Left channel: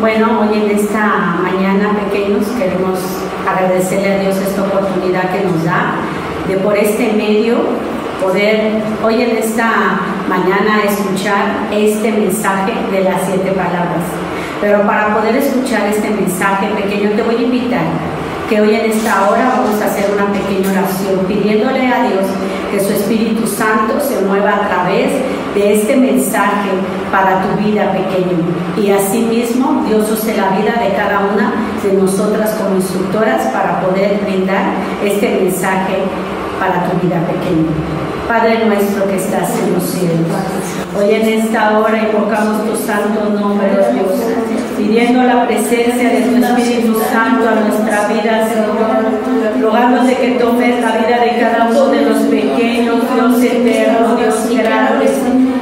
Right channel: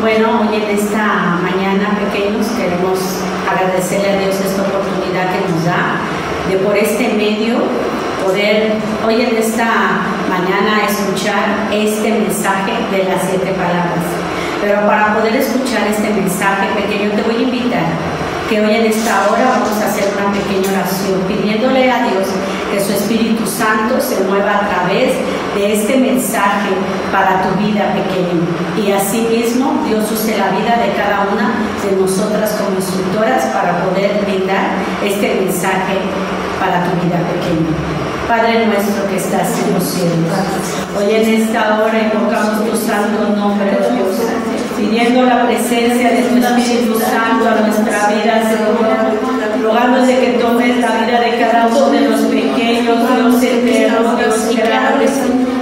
Bueno, hoy en esta mañana, pequeños, queremos agradecerle a Dios esta oportunidad que nos da de por este medio poder hoy en esta mañana escuchar este mensaje de las 7 palabras. Pero para poder escuchar este mensaje, pequeño, te voy a invitar que hoy en esta hora vamos a hacer una pequeña oración pidiéndole a Dios que su Espíritu Santo se mueva a través de este mensaje para tu vida, pequeño. Y asimismo, Dios use la vida de cada una de nosotras como instructoras para poder brindar este mensaje para tu vida, pequeño. Padre nuestro que estás en los cielos, hoy en esta hora invocamos tu santo nombre, oh Dios, pidiendo la presencia de tu Espíritu Santo a nuestra vida, Señor, rogándote que tomes la vida de cada uno de los pequeños, Dios eterno, Dios grande,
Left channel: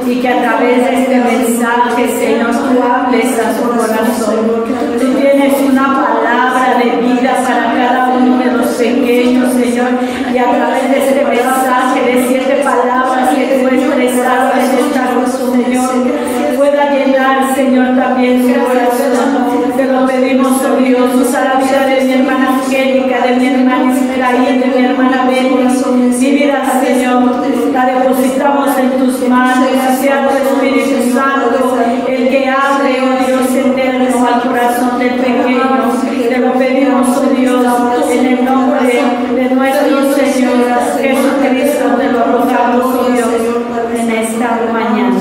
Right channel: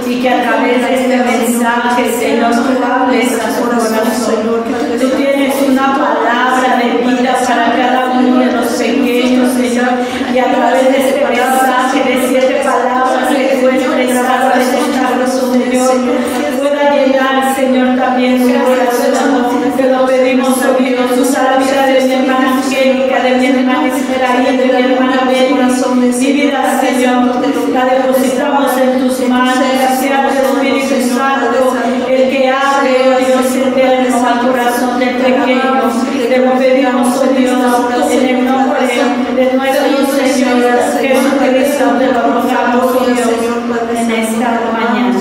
y que a través de este mensaje, Señor, tú hables a su corazón. Tú tienes una palabra de vida para cada uno de los pequeños, Señor, y a través de este mensaje de 7 palabras que tú expresado en esta oración, Señor, pueda llenar, Señor, también su corazón. Te lo pedimos, oh Dios, usa la vida de mi hermana Angélica, de mi hermana Esmeraí, de mi hermana Betty, mi vida, Señor, la depositamos en tus manos, sea tu Espíritu Santo el que hable, oh Dios eterno, al corazón del pequeño. Te lo pedimos, oh Dios, en el nombre de nuestro Señor Jesucristo, te lo rogamos, oh Dios, en esta mañana.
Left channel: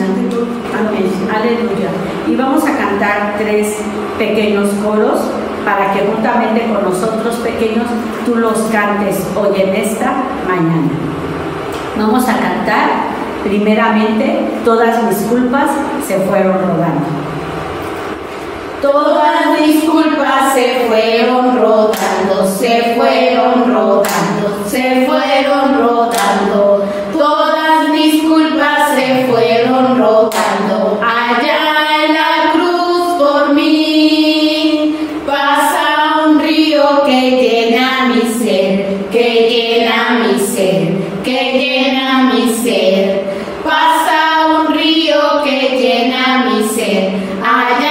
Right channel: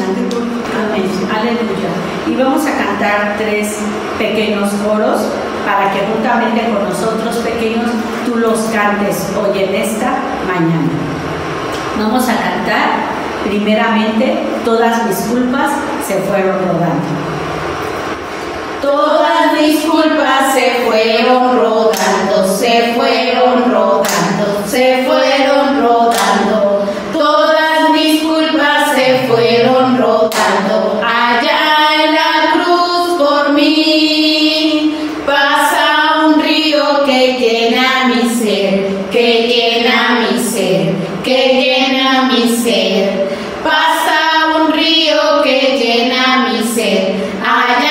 Amén. Aleluya. Y vamos a cantar 3 pequeños coros para que juntamente con nosotros, pequeños, tú los cantes hoy en esta mañana. Vamos a cantar primeramente Todas mis culpas se fueron rodando. Todas mis culpas se fueron rodando, se fueron rodando, se fueron rodando. Todas mis culpas se fueron rodando. Allá en la cruz por mí pasa un río que llena mi ser, que llena mi ser, que llena mi ser. Pasa un río que llena mi ser. Allá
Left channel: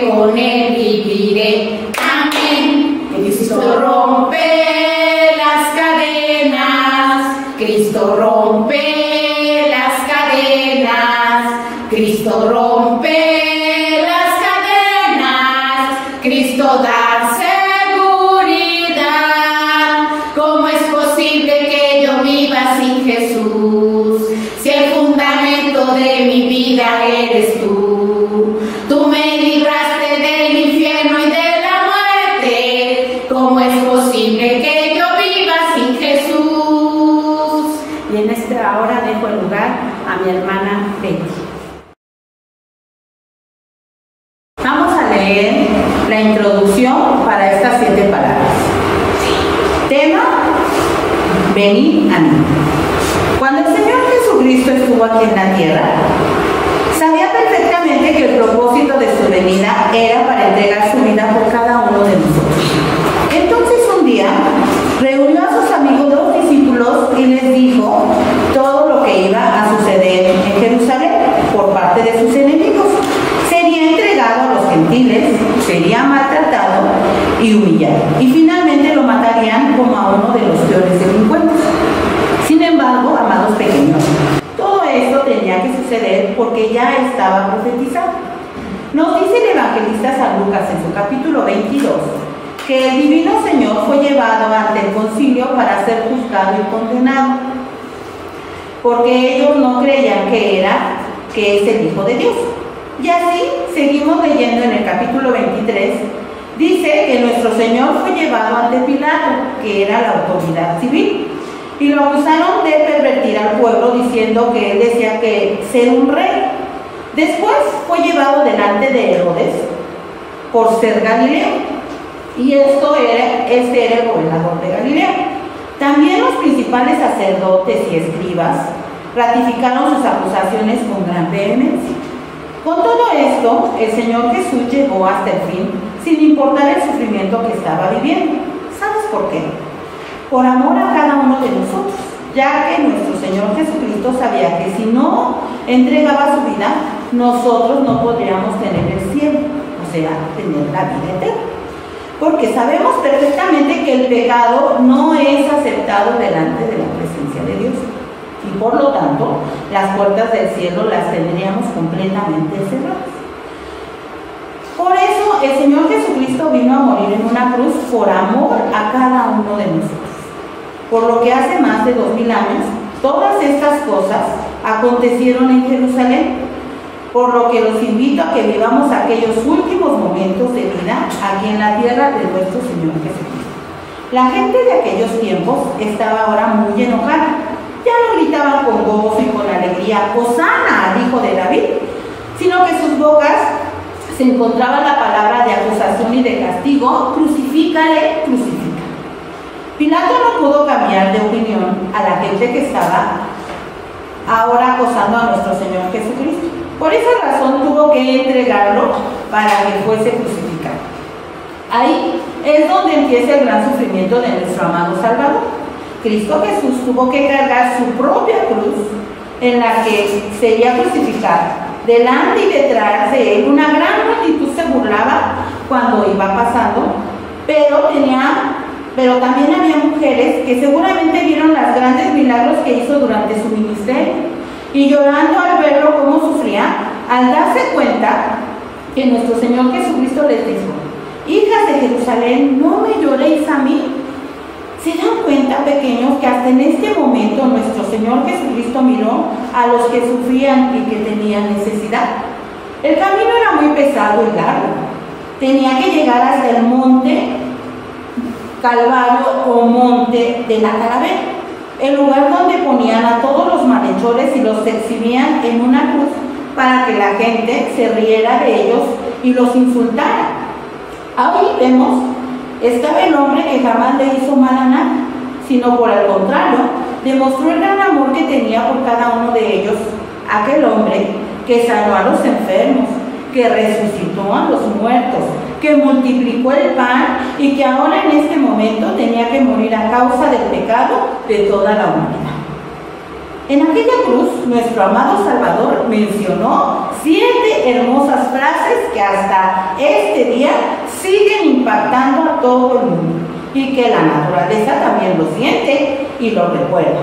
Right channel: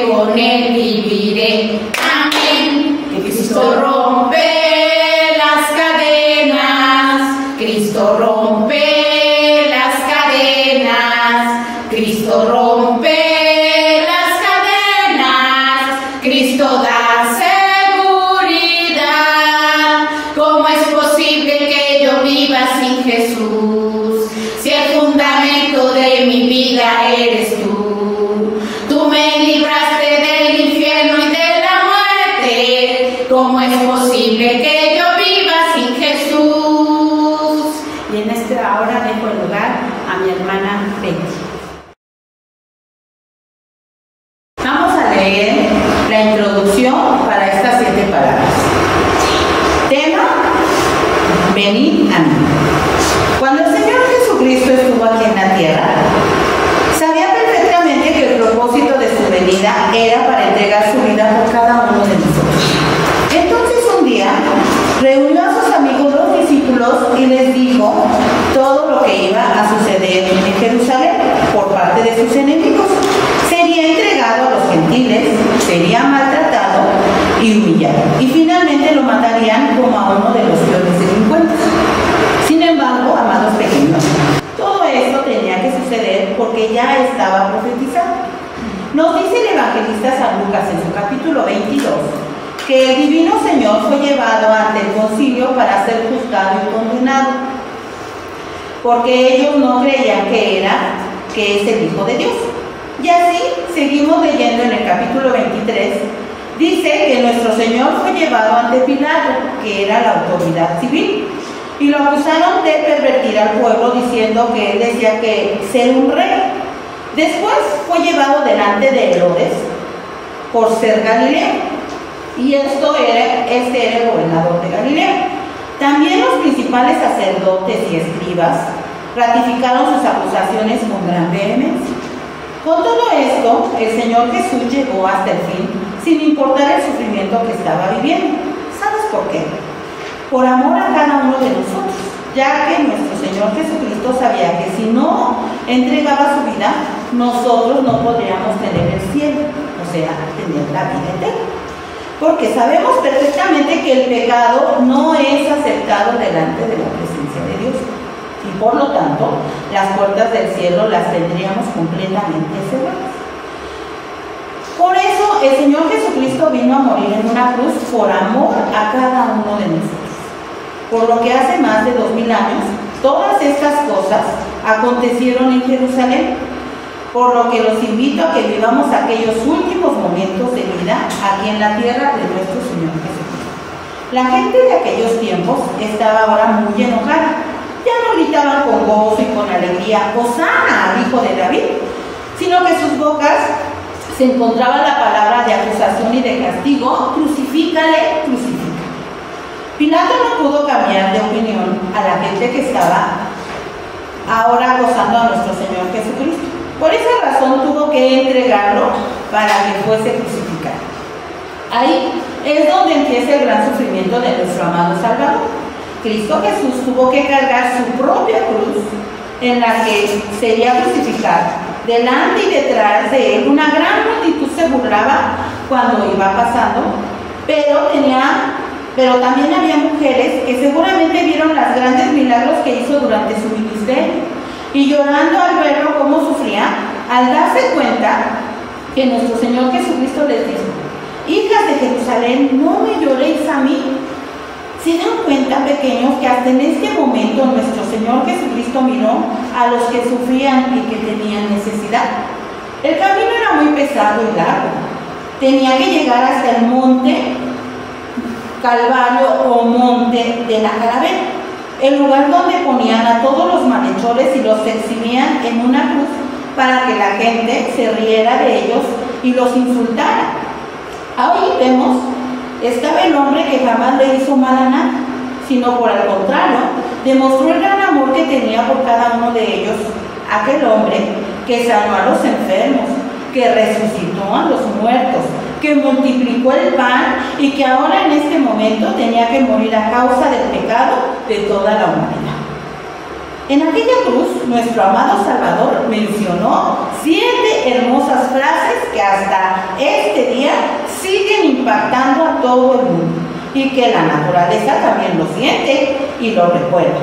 con él viviré. Amén. Cristo rompe las cadenas, Cristo rompe las cadenas, Cristo rompe las cadenas, Cristo da seguridad. ¿Cómo es posible que yo viva sin Jesús? Si el fundamento de mi vida eres tú. Tú me libraste del infierno y de la muerte. ¿Cómo es posible que yo viva sin Jesús? Y en esta hora dejo el lugar a mi hermana Betty. Vamos a leer la introducción para estas 7 palabras. Tema: venid a mí. Cuando el Señor Jesucristo estuvo aquí en la tierra, sabía perfectamente que el propósito de su venida era para entregar su vida por cada uno de nosotros. Entonces un día reunió a sus amigos los discípulos y les dijo todo lo que iba a suceder en Jerusalén por parte de sus enemigos. Sería entregado a los gentiles, sería maltratado y humillado, y finalmente lo matarían como a uno de los peores delincuentes. Sin embargo, amados pequeños, todo esto tenía que suceder porque ya estaba profetizado. Nos dice el evangelista San Lucas en su capítulo 22 que el divino Señor fue llevado ante el concilio para ser juzgado y condenado, porque ellos no creían que es el Hijo de Dios. Y así seguimos leyendo en el capítulo 23. Dice que nuestro Señor fue llevado ante Pilato, que era la autoridad civil, y lo acusaron de pervertir al pueblo, diciendo que él decía que ser un rey. Después fue llevado delante de Herodes por ser Galileo. Y este era el gobernador de Galilea. También los principales sacerdotes y escribas ratificaron sus acusaciones con gran vehemencia. Con todo esto, el Señor Jesús llegó hasta el fin, sin importar el sufrimiento que estaba viviendo. ¿Sabes por qué? Por amor a cada uno de nosotros, ya que nuestro Señor Jesucristo sabía que si no entregaba su vida, nosotros no podríamos tener el cielo, o sea, tener la vida eterna. Porque sabemos perfectamente que el pecado no es aceptado delante de la presencia de Dios. Y por lo tanto, las puertas del cielo las tendríamos completamente cerradas. Por eso, el Señor Jesucristo vino a morir en una cruz por amor a cada uno de nosotros. Por lo que hace más de 2000 años, todas estas cosas acontecieron en Jerusalén. Por lo que los invito a que vivamos aquellos últimos momentos de vida aquí en la tierra de nuestro Señor Jesucristo. La gente de aquellos tiempos estaba ahora muy enojada. Ya no gritaban con gozo y con alegría, Hosana al Hijo de David, sino que sus bocas se encontraba la palabra de acusación y de castigo, crucifícale, crucifica. Pilato no pudo cambiar de opinión a la gente que estaba ahora acosando a nuestro Señor Jesucristo. Por esa razón tuvo que entregarlo para que fuese crucificado. Ahí es donde empieza el gran sufrimiento de nuestro amado Salvador. Cristo Jesús tuvo que cargar su propia cruz en la que sería crucificado. Delante y detrás de él una gran multitud se burlaba cuando iba pasando, pero también había mujeres que seguramente vieron los grandes milagros que hizo durante su ministerio y llorando al verlo cómo sufría, al darse cuenta que nuestro Señor Jesucristo les dijo: hijas de Jerusalén, no me lloréis a mí. ¿Se dan cuenta, pequeños, que hasta en este momento nuestro Señor Jesucristo miró a los que sufrían y que tenían necesidad? El camino era muy pesado y largo. Tenía que llegar hasta el monte Calvario o monte de la Calavera, el lugar donde ponían a todos los malhechores y los exhibían en una cruz para que la gente se riera de ellos y los insultara. Ahí vemos, estaba el hombre que jamás le hizo mal a nadie, sino por el contrario, demostró el gran amor que tenía por cada uno de ellos. Aquel hombre que sanó a los enfermos, que resucitó a los muertos, que multiplicó el pan y que ahora en este momento tenía que morir a causa del pecado de toda la humanidad. En aquella cruz, nuestro amado Salvador mencionó 7 hermosas frases que hasta este día siguen impactando a todo el mundo y que la naturaleza también lo siente y lo recuerda.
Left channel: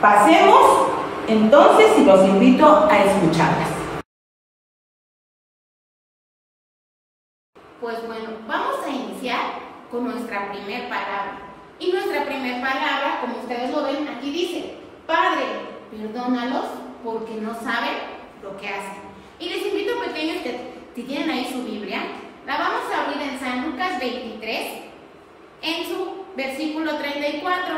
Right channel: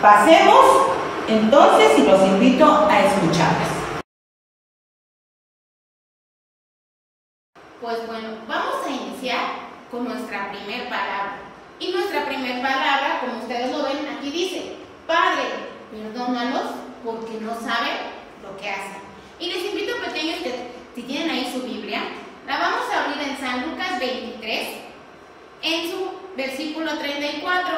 Pasemos entonces y los invito a escucharlas. Pues bueno, vamos a iniciar con nuestra primer palabra. Y nuestra primer palabra, como ustedes lo ven, aquí dice: Padre, perdónalos porque no saben lo que hacen. Y les invito, pequeños, que si tienen ahí su Biblia, la vamos a abrir en San Lucas 23, en su versículo 34.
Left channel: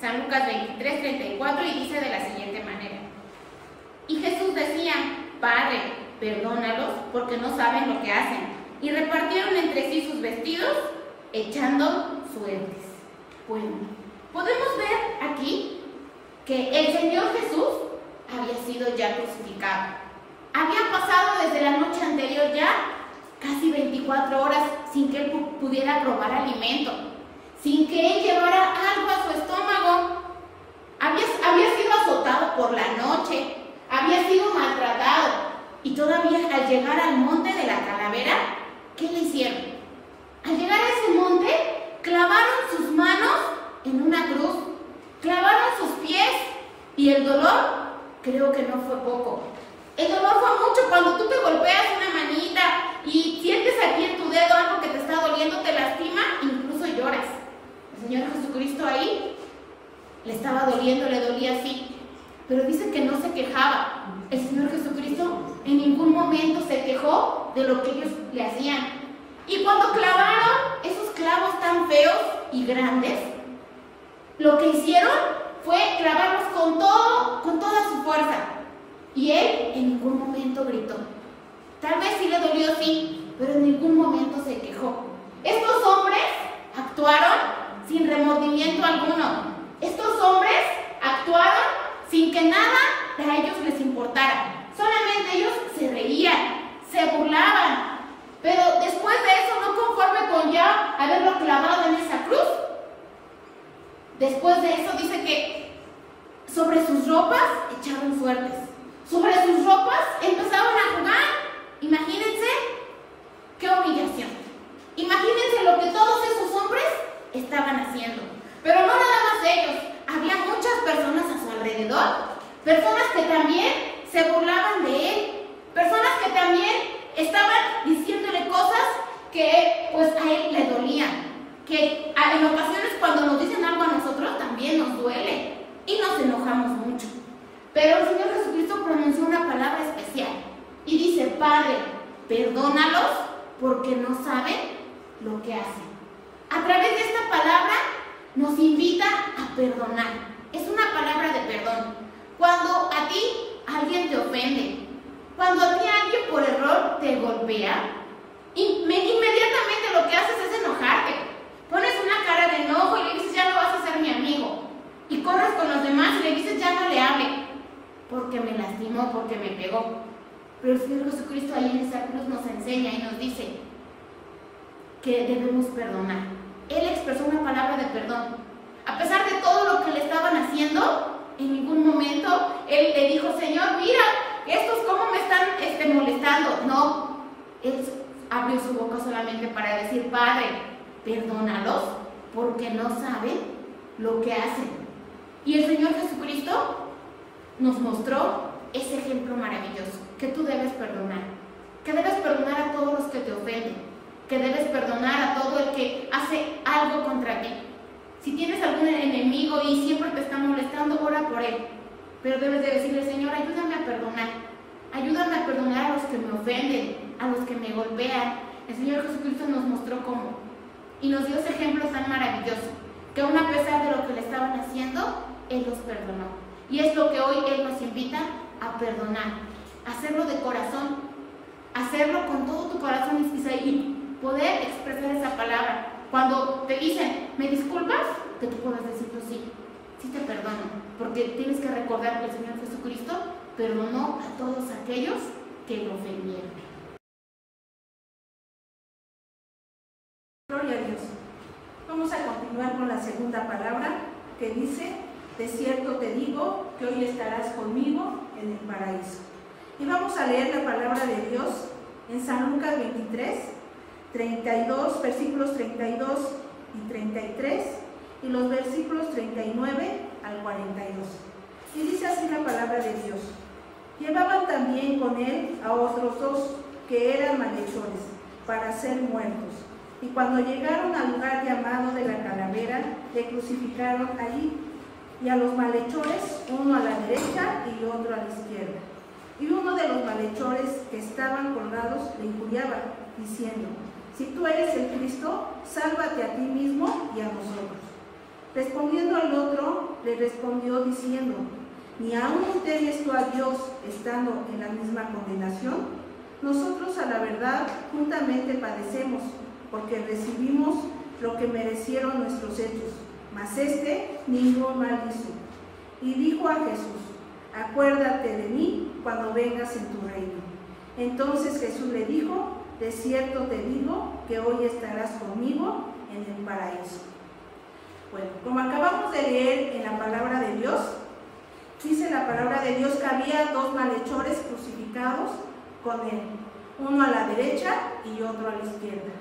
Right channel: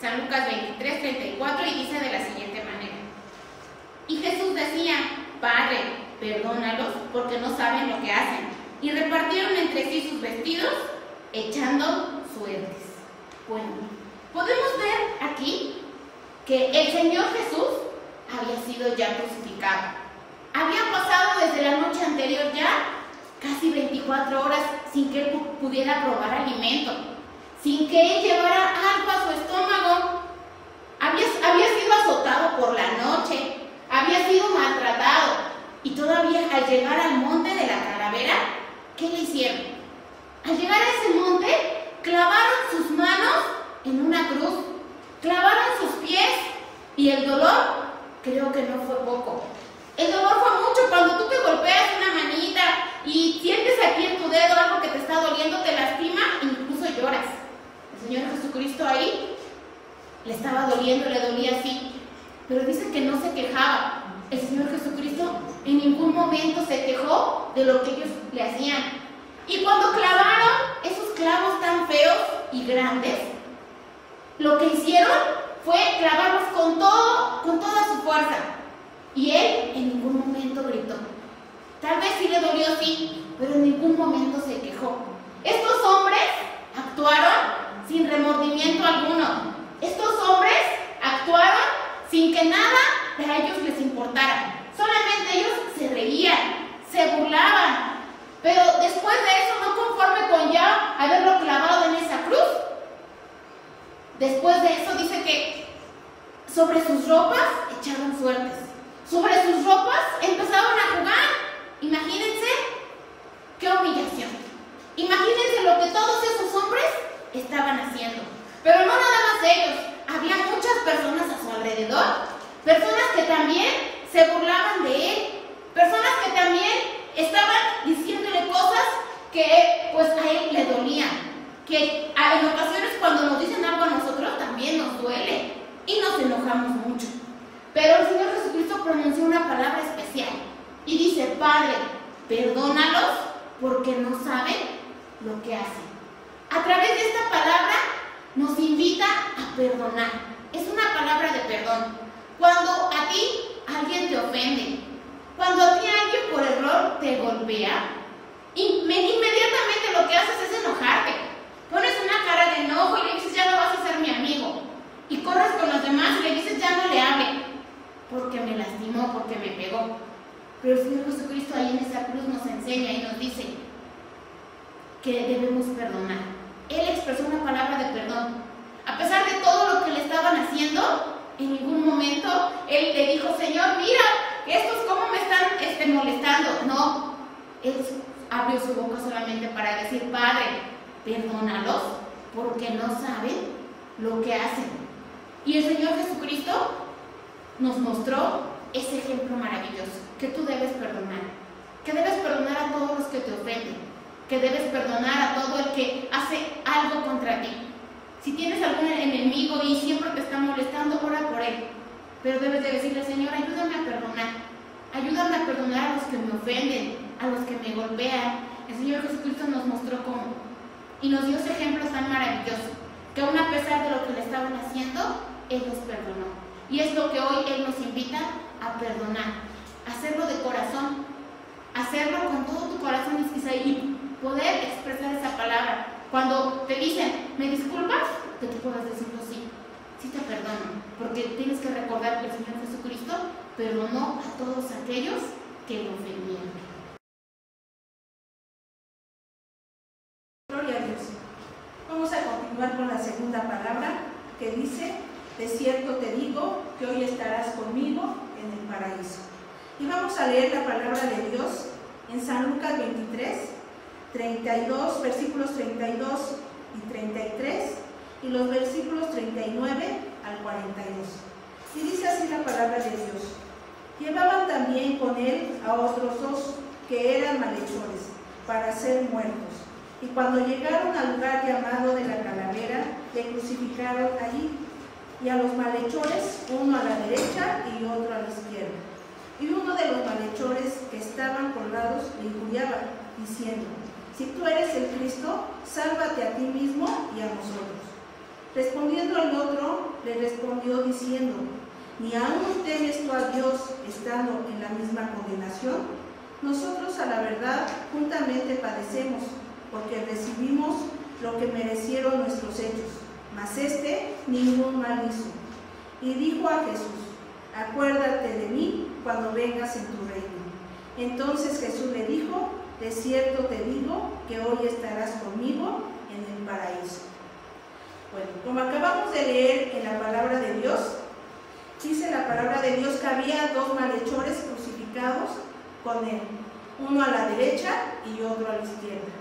San Lucas 23, 34, y dice de la siguiente manera: Y Jesús decía: Padre, perdónalos porque no saben lo que hacen. Y repartieron entre sí sus vestidos, echando suertes. Bueno, podemos ver aquí que el Señor Jesús había sido ya crucificado. Había pasado desde la noche anterior ya casi 24 horas sin que él pudiera probar alimento, sin que él llevara algo a su estómago. Había sido azotado por la noche, había sido maltratado, y todavía al llegar al monte de la Calavera, ¿qué le hicieron? Al llegar a ese monte, clavaron sus manos en una cruz, clavaron sus pies, y el dolor, creo que no fue poco. El dolor fue mucho. Cuando tú te golpeas una manita y sientes aquí en tu dedo algo que te está doliendo, te lastima, incluso lloras. El Señor Jesucristo ahí le estaba doliendo, le dolía así, pero dice que no se quejaba. El Señor Jesucristo en ningún momento se quejó de lo que ellos le hacían. Y cuando clavaron esos clavos tan feos y grandes, lo que hicieron fue clavarlos con toda su fuerza. Y él en ningún momento gritó. Tal vez sí le dolió, sí, pero en ningún momento se quejó. Estos hombres ellos les importara. Solamente ellos se reían, se burlaban. Pero después de eso, no conforme con ya haberlo clavado en esa cruz, después de eso dice que sobre sus ropas echaron suertes. Sobre sus ropas empezaron a jugar. Imagínense qué humillación. Imagínense lo que todos esos hombres estaban haciendo. Pero no nada más ellos. Había muchas personas a su alrededor. Personas que también se burlaban de él. Personas que también estaban diciéndole cosas que pues a él le dolían. Que en ocasiones cuando nos dicen algo a nosotros también nos duele y nos enojamos mucho. Pero el Señor Jesucristo pronunció una palabra especial y dice: Padre, perdónalos porque no saben lo que hacen. A través de esta palabra nos invita a perdonar. Es una palabra de perdón. Cuando a ti alguien te ofende, cuando a ti alguien por error te golpea, inmediatamente lo que haces es enojarte. Pones una cara de enojo y le dices: ya no vas a ser mi amigo. Y corres con los demás y le dices: ya no le hable, porque me lastimó, porque me pegó. Pero el Señor Jesucristo ahí en esa cruz nos enseña y nos dice que debemos perdonar. Él expresó una palabra de perdón. A pesar de todo lo que le estaban haciendo, en ningún momento Él le dijo: Señor, mira, estos cómo me están molestando. No, Él abrió su boca solamente para decir: Padre, perdónalos porque no saben lo que hacen. Y el Señor Jesucristo nos mostró ese ejemplo maravilloso, que tú debes perdonar, que debes perdonar a todos los que te ofenden, que debes perdonar a todo el que hace algo contra ti. Si tienes algún enemigo y siempre te está molestando, ora por él, pero debes de decirle: Señor, ayúdame a perdonar a los que me ofenden, a los que me golpean. El Señor Jesucristo nos mostró cómo y nos dio ese ejemplo tan maravilloso, que aún a pesar de lo que le estaban haciendo, Él los perdonó. Y es lo que hoy Él nos invita a perdonar, hacerlo de corazón, hacerlo con todo tu corazón y poder expresar esa palabra. Cuando te dicen: ¿me disculpas?, que tú puedas decirlo: sí te perdono, porque tienes que recordar que el Señor Jesucristo perdonó a todos aquellos que lo ofendieron. Gloria a Dios. Vamos a continuar con la segunda palabra que dice: de cierto te digo que hoy estarás conmigo en el paraíso. Y vamos a leer la palabra de Dios en San Lucas 23, 32, versículos 32 y 33, y los versículos 39 al 42. Y dice así la palabra de Dios: llevaban también con él a otros dos que eran malhechores para ser muertos. Y cuando llegaron al lugar llamado de la Calavera, le crucificaron allí, y a los malhechores, uno a la derecha y otro a la izquierda. Y uno de los malhechores que estaban colgados le injuriaba, diciendo: si tú eres el Cristo, sálvate a ti mismo y a nosotros. Respondiendo el otro, le respondió diciendo: ¿ni aún temes tú a Dios estando en la misma condenación? Nosotros a la verdad juntamente padecemos, porque recibimos lo que merecieron nuestros hechos, mas este ningún mal hizo. Y dijo a Jesús: acuérdate de mí cuando vengas en tu reino. Entonces Jesús le dijo: de cierto te digo que hoy estarás conmigo en el paraíso. Bueno, como acabamos de leer en la palabra de Dios, dice la palabra de Dios que había dos malhechores crucificados con él, uno a la derecha y otro a la izquierda.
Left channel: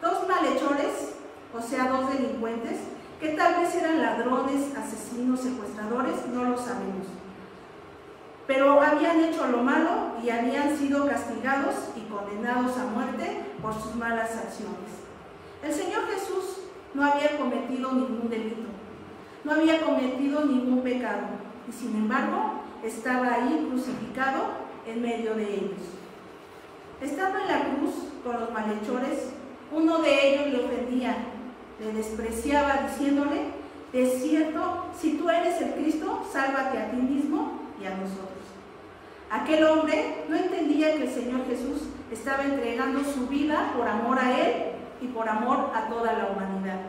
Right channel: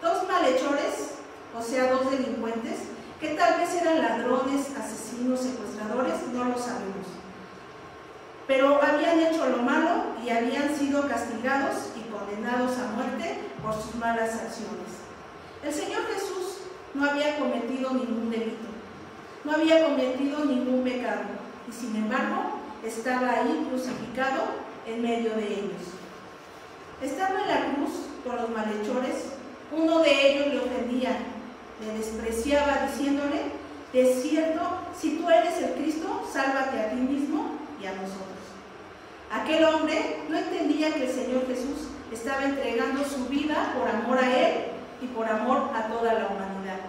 Dos malhechores, o sea, dos delincuentes, que tal vez eran ladrones, asesinos, secuestradores, no lo sabemos. Pero habían hecho lo malo y habían sido castigados y condenados a muerte por sus malas acciones. El Señor Jesús no había cometido ningún delito, no había cometido ningún pecado, y sin embargo estaba ahí crucificado en medio de ellos. Estando en la cruz con los malhechores, uno de ellos le ofendía, le despreciaba diciéndole: de cierto, si tú eres el Cristo, sálvate a ti mismo y a nosotros. Aquel hombre no entendía que el Señor Jesús estaba entregando su vida por amor a él y por amor a toda la humanidad.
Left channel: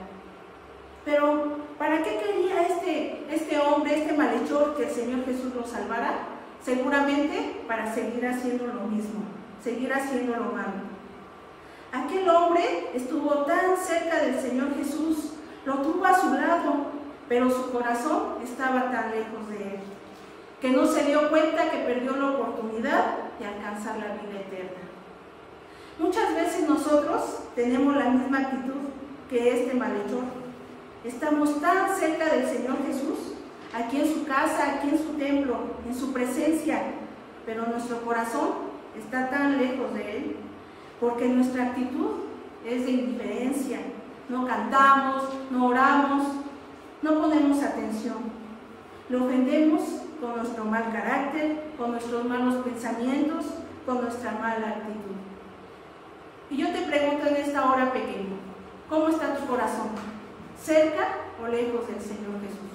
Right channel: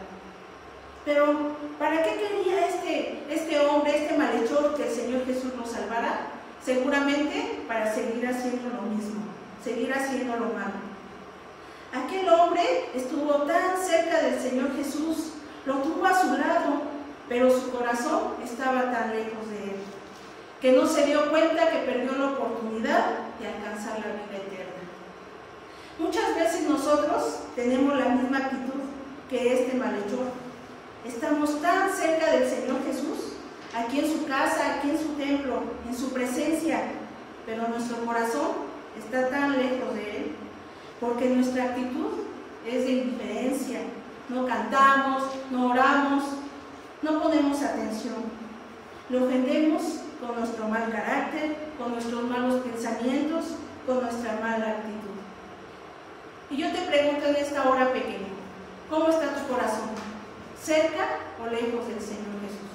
Pero, ¿para qué quería este hombre, este malhechor, que el Señor Jesús lo salvara? seguramente para seguir haciendo lo mismo, seguir haciendo lo malo. Aquel hombre estuvo tan cerca del Señor Jesús, lo tuvo a su lado, pero su corazón estaba tan lejos de él, que no se dio cuenta que perdió la oportunidad de alcanzar la vida eterna. Muchas veces nosotros tenemos la misma actitud que este malhechor. Estamos tan cerca del Señor Jesús, aquí en su casa, aquí en su templo, en su presencia, pero nuestro corazón está tan lejos de Él, porque nuestra actitud es de indiferencia. No cantamos, no oramos, no ponemos atención. Le ofendemos con nuestro mal carácter, con nuestros malos pensamientos, con nuestra mala actitud. Y yo te pregunto en esta hora, pequeño, ¿cómo está tu corazón? ¿Cerca o lejos del Señor Jesús?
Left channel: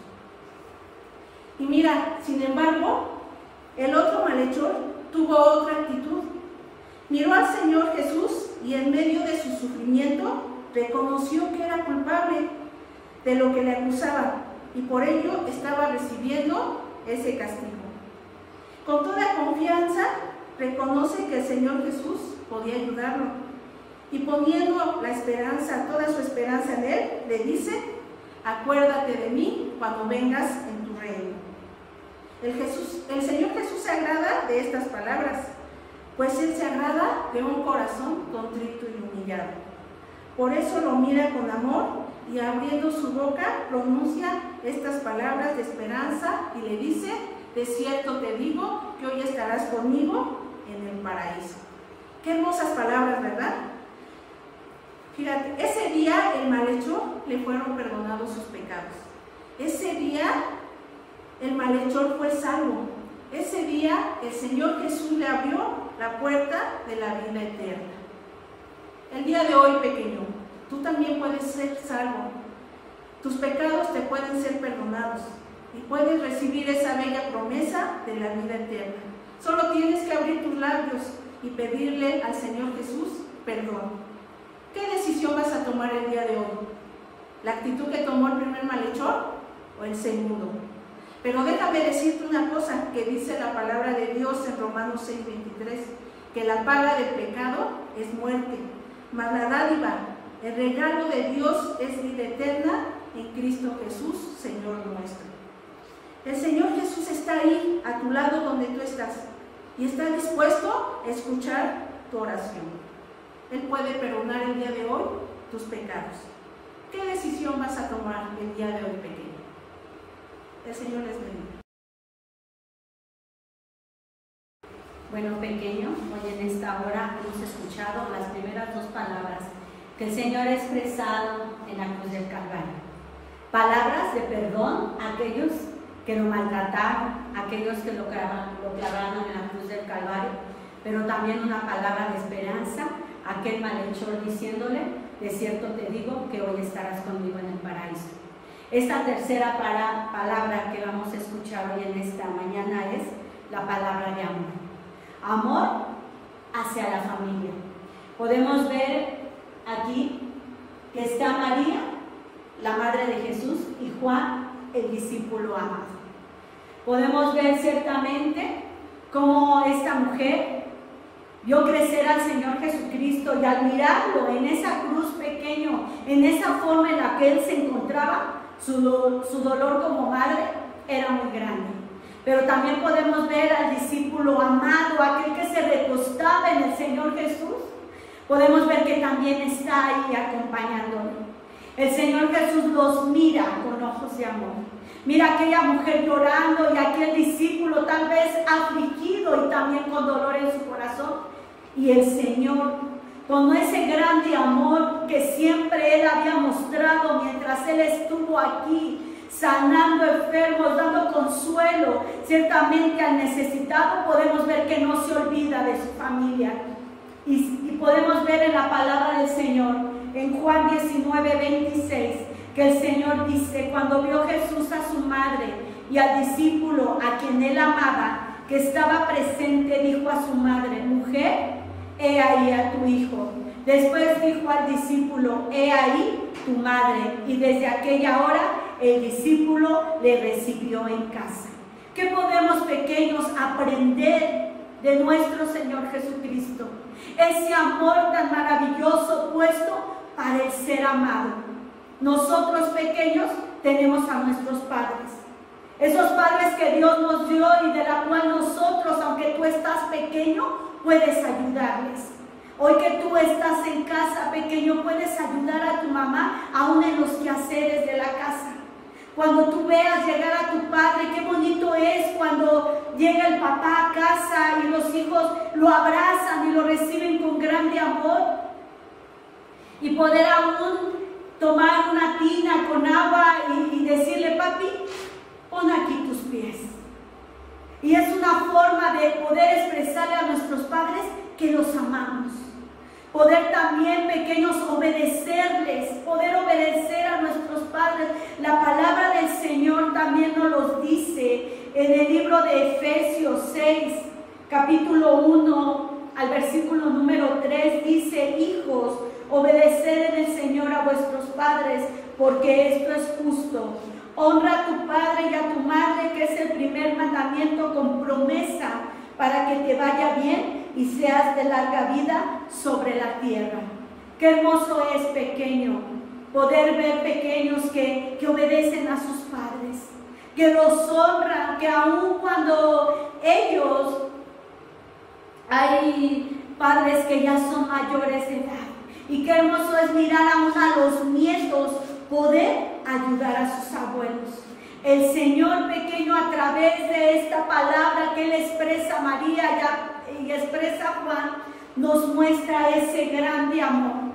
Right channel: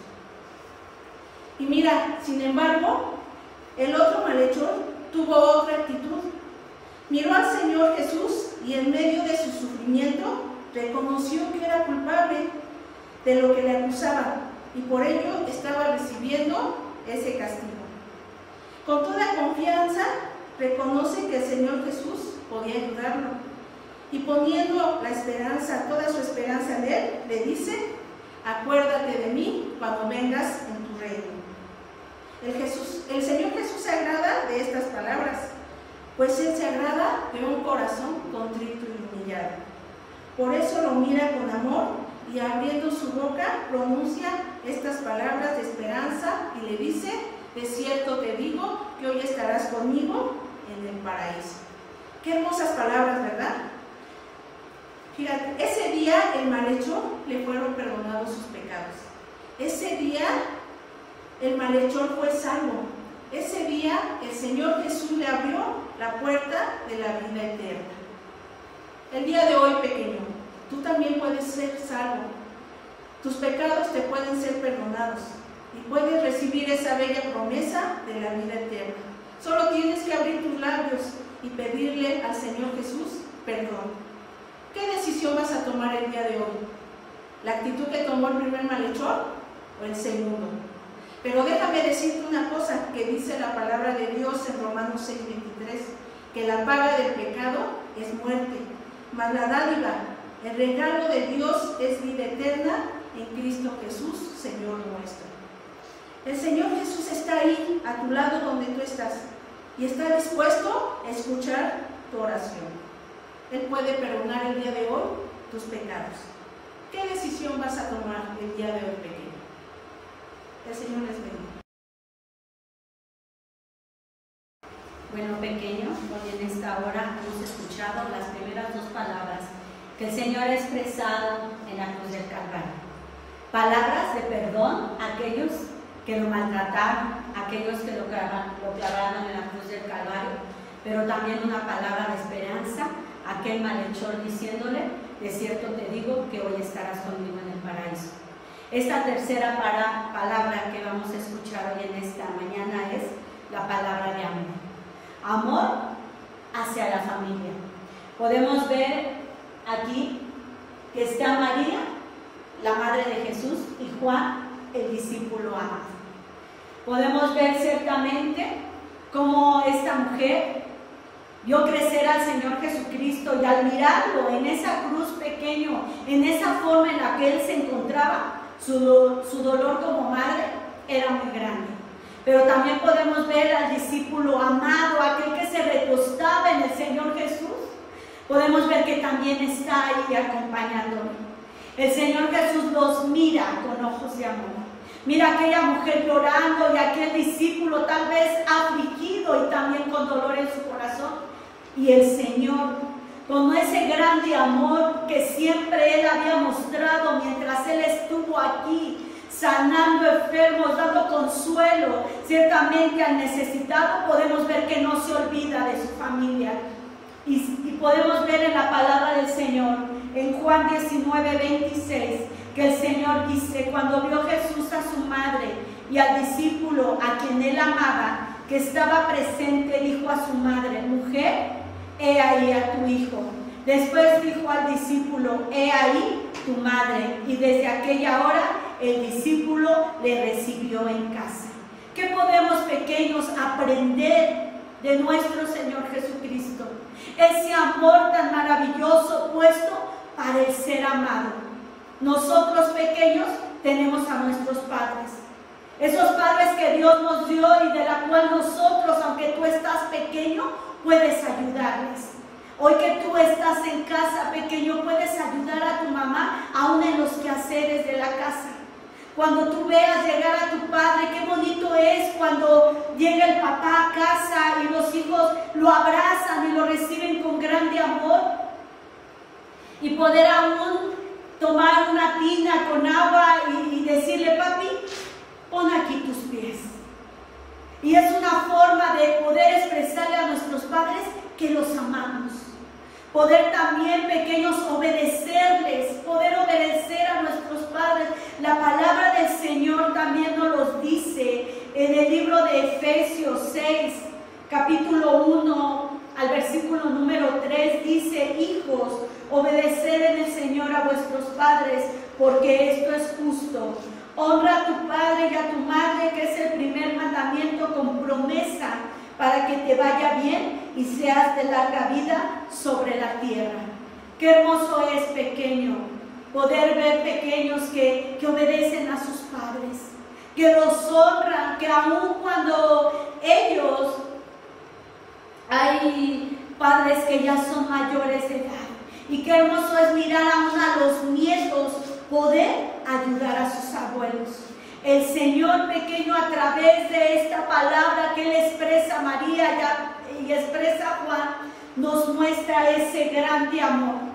Y mira, sin embargo, el otro malhechor tuvo otra actitud. Miró al Señor Jesús y en medio de su sufrimiento reconoció que era culpable de lo que le acusaban y por ello estaba recibiendo ese castigo. Con toda confianza reconoce que el Señor Jesús podía ayudarlo y poniendo la esperanza, toda su esperanza en Él, le dice: acuérdate de mí cuando vengas en tu reino. El Señor Jesús se agrada de estas palabras, pues Él se agrada de un corazón contrito y humillado. Por eso lo mira con amor y abriendo su boca pronuncia estas palabras de esperanza y le dice: de cierto te digo que hoy estarás conmigo en el paraíso. Qué hermosas palabras, ¿verdad? Fíjate, ese día el malhechor le fueron perdonados sus pecados. Ese día el malhechor fue salvo. Ese día el Señor Jesús le abrió la puerta de la vida eterna. El día de hoy, pequeño, tú también puedes ser salvo. Tus pecados te pueden ser perdonados y puedes recibir esa bella promesa de la vida eterna. Solo tienes que abrir tus labios y pedirle al Señor Jesús perdón. ¿Qué decisión vas a tomar el día de hoy? ¿La actitud que tomó el primer malhechor o el segundo? Pero déjame decirte una cosa que dice la palabra de Dios en Romanos 6:23, que la paga del pecado es muerte, mas la dádiva, el regalo de Dios es vida eterna en Cristo Jesús, Señor nuestro. El Señor Jesús está ahí, a tu lado donde tú estás, y está dispuesto a escuchar tu oración. Él puede perdonar el día de hoy tus pecados. ¿Qué decisión vas a tomar el día de hoy, pequeño? El Señor les bendiga. Bueno, pequeños, hoy en esta hora hemos escuchado las primeras dos palabras que el Señor ha expresado en la cruz del Calvario. Palabras de perdón a aquellos que lo maltrataron, a aquellos que lo clavaron en la cruz del Calvario, pero también una palabra de esperanza a aquel malhechor diciéndole: de cierto te digo que hoy estarás conmigo en el paraíso. Esta tercera palabra que vamos a escuchar hoy en esta mañana es la palabra de amor. Amor hacia la familia. Podemos ver aquí que está María, la madre de Jesús, y Juan, el discípulo amado. Podemos ver ciertamente cómo esta mujer vio crecer al Señor Jesucristo y al mirarlo en esa cruz pequeño, en esa forma en la que Él se encontraba, su dolor como madre era muy grande. Pero también podemos ver al discípulo amado, aquel que se recostaba en el Señor Jesús. Podemos ver que también está ahí acompañándolo. El Señor Jesús los mira con ojos de amor. Mira a aquella mujer llorando y a aquel discípulo tal vez afligido y también con dolor en su corazón. Y el Señor, con ese grande amor que siempre Él había mostrado mientras Él estuvo aquí, sanando enfermos, dando consuelo, ciertamente al necesitado, podemos ver que no se olvida de su familia. Y podemos ver en la palabra del Señor, en Juan 19:26, que el Señor dice: cuando vio Jesús a su madre y al discípulo a quien Él amaba, que estaba presente, dijo a su madre: mujer, he ahí a tu hijo. Después dijo al discípulo: he ahí tu madre. Y desde aquella hora el discípulo le recibió en casa. ¿Qué podemos, pequeños, aprender de nuestro Señor Jesucristo? Ese amor tan maravilloso puesto para el ser amado. Nosotros, pequeños, tenemos a nuestros padres. Esos padres que Dios nos dio y de la cual nosotros, aunque tú estás pequeño, puedes ayudarles. Hoy que tú estás en casa, pequeño, puedes ayudar a tu mamá aún en los quehaceres de la casa. Cuando tú veas llegar a tu padre, qué bonito es cuando llega el papá a casa y los hijos lo abrazan y lo reciben con grande amor. Y poder aún tomar una tina con agua y decirle, papi, pon aquí tus pies. Y es una forma de poder expresarle a nuestros padres que los amamos. Poder también, pequeños, obedecerles, poder obedecer a nuestros padres. La palabra del Señor también nos lo dice en el libro de Efesios 6, capítulo 1, al versículo número 3, dice, hijos, obedeced en el Señor a vuestros padres, porque esto es justo. Honra a tu padre y a tu madre, que es el primer mandamiento con promesa, para que te vaya bien y seas de larga vida sobre la tierra. Qué hermoso es, pequeño, poder ver pequeños que obedecen a sus padres, que los honran, que aun cuando ellos, hay padres que ya son mayores de edad, y qué hermoso es mirar aún a los nietos poder ayudar a sus abuelos. El Señor, pequeño, a través de esta palabra que Él expresa a María y expresa a Juan, nos muestra ese grande amor.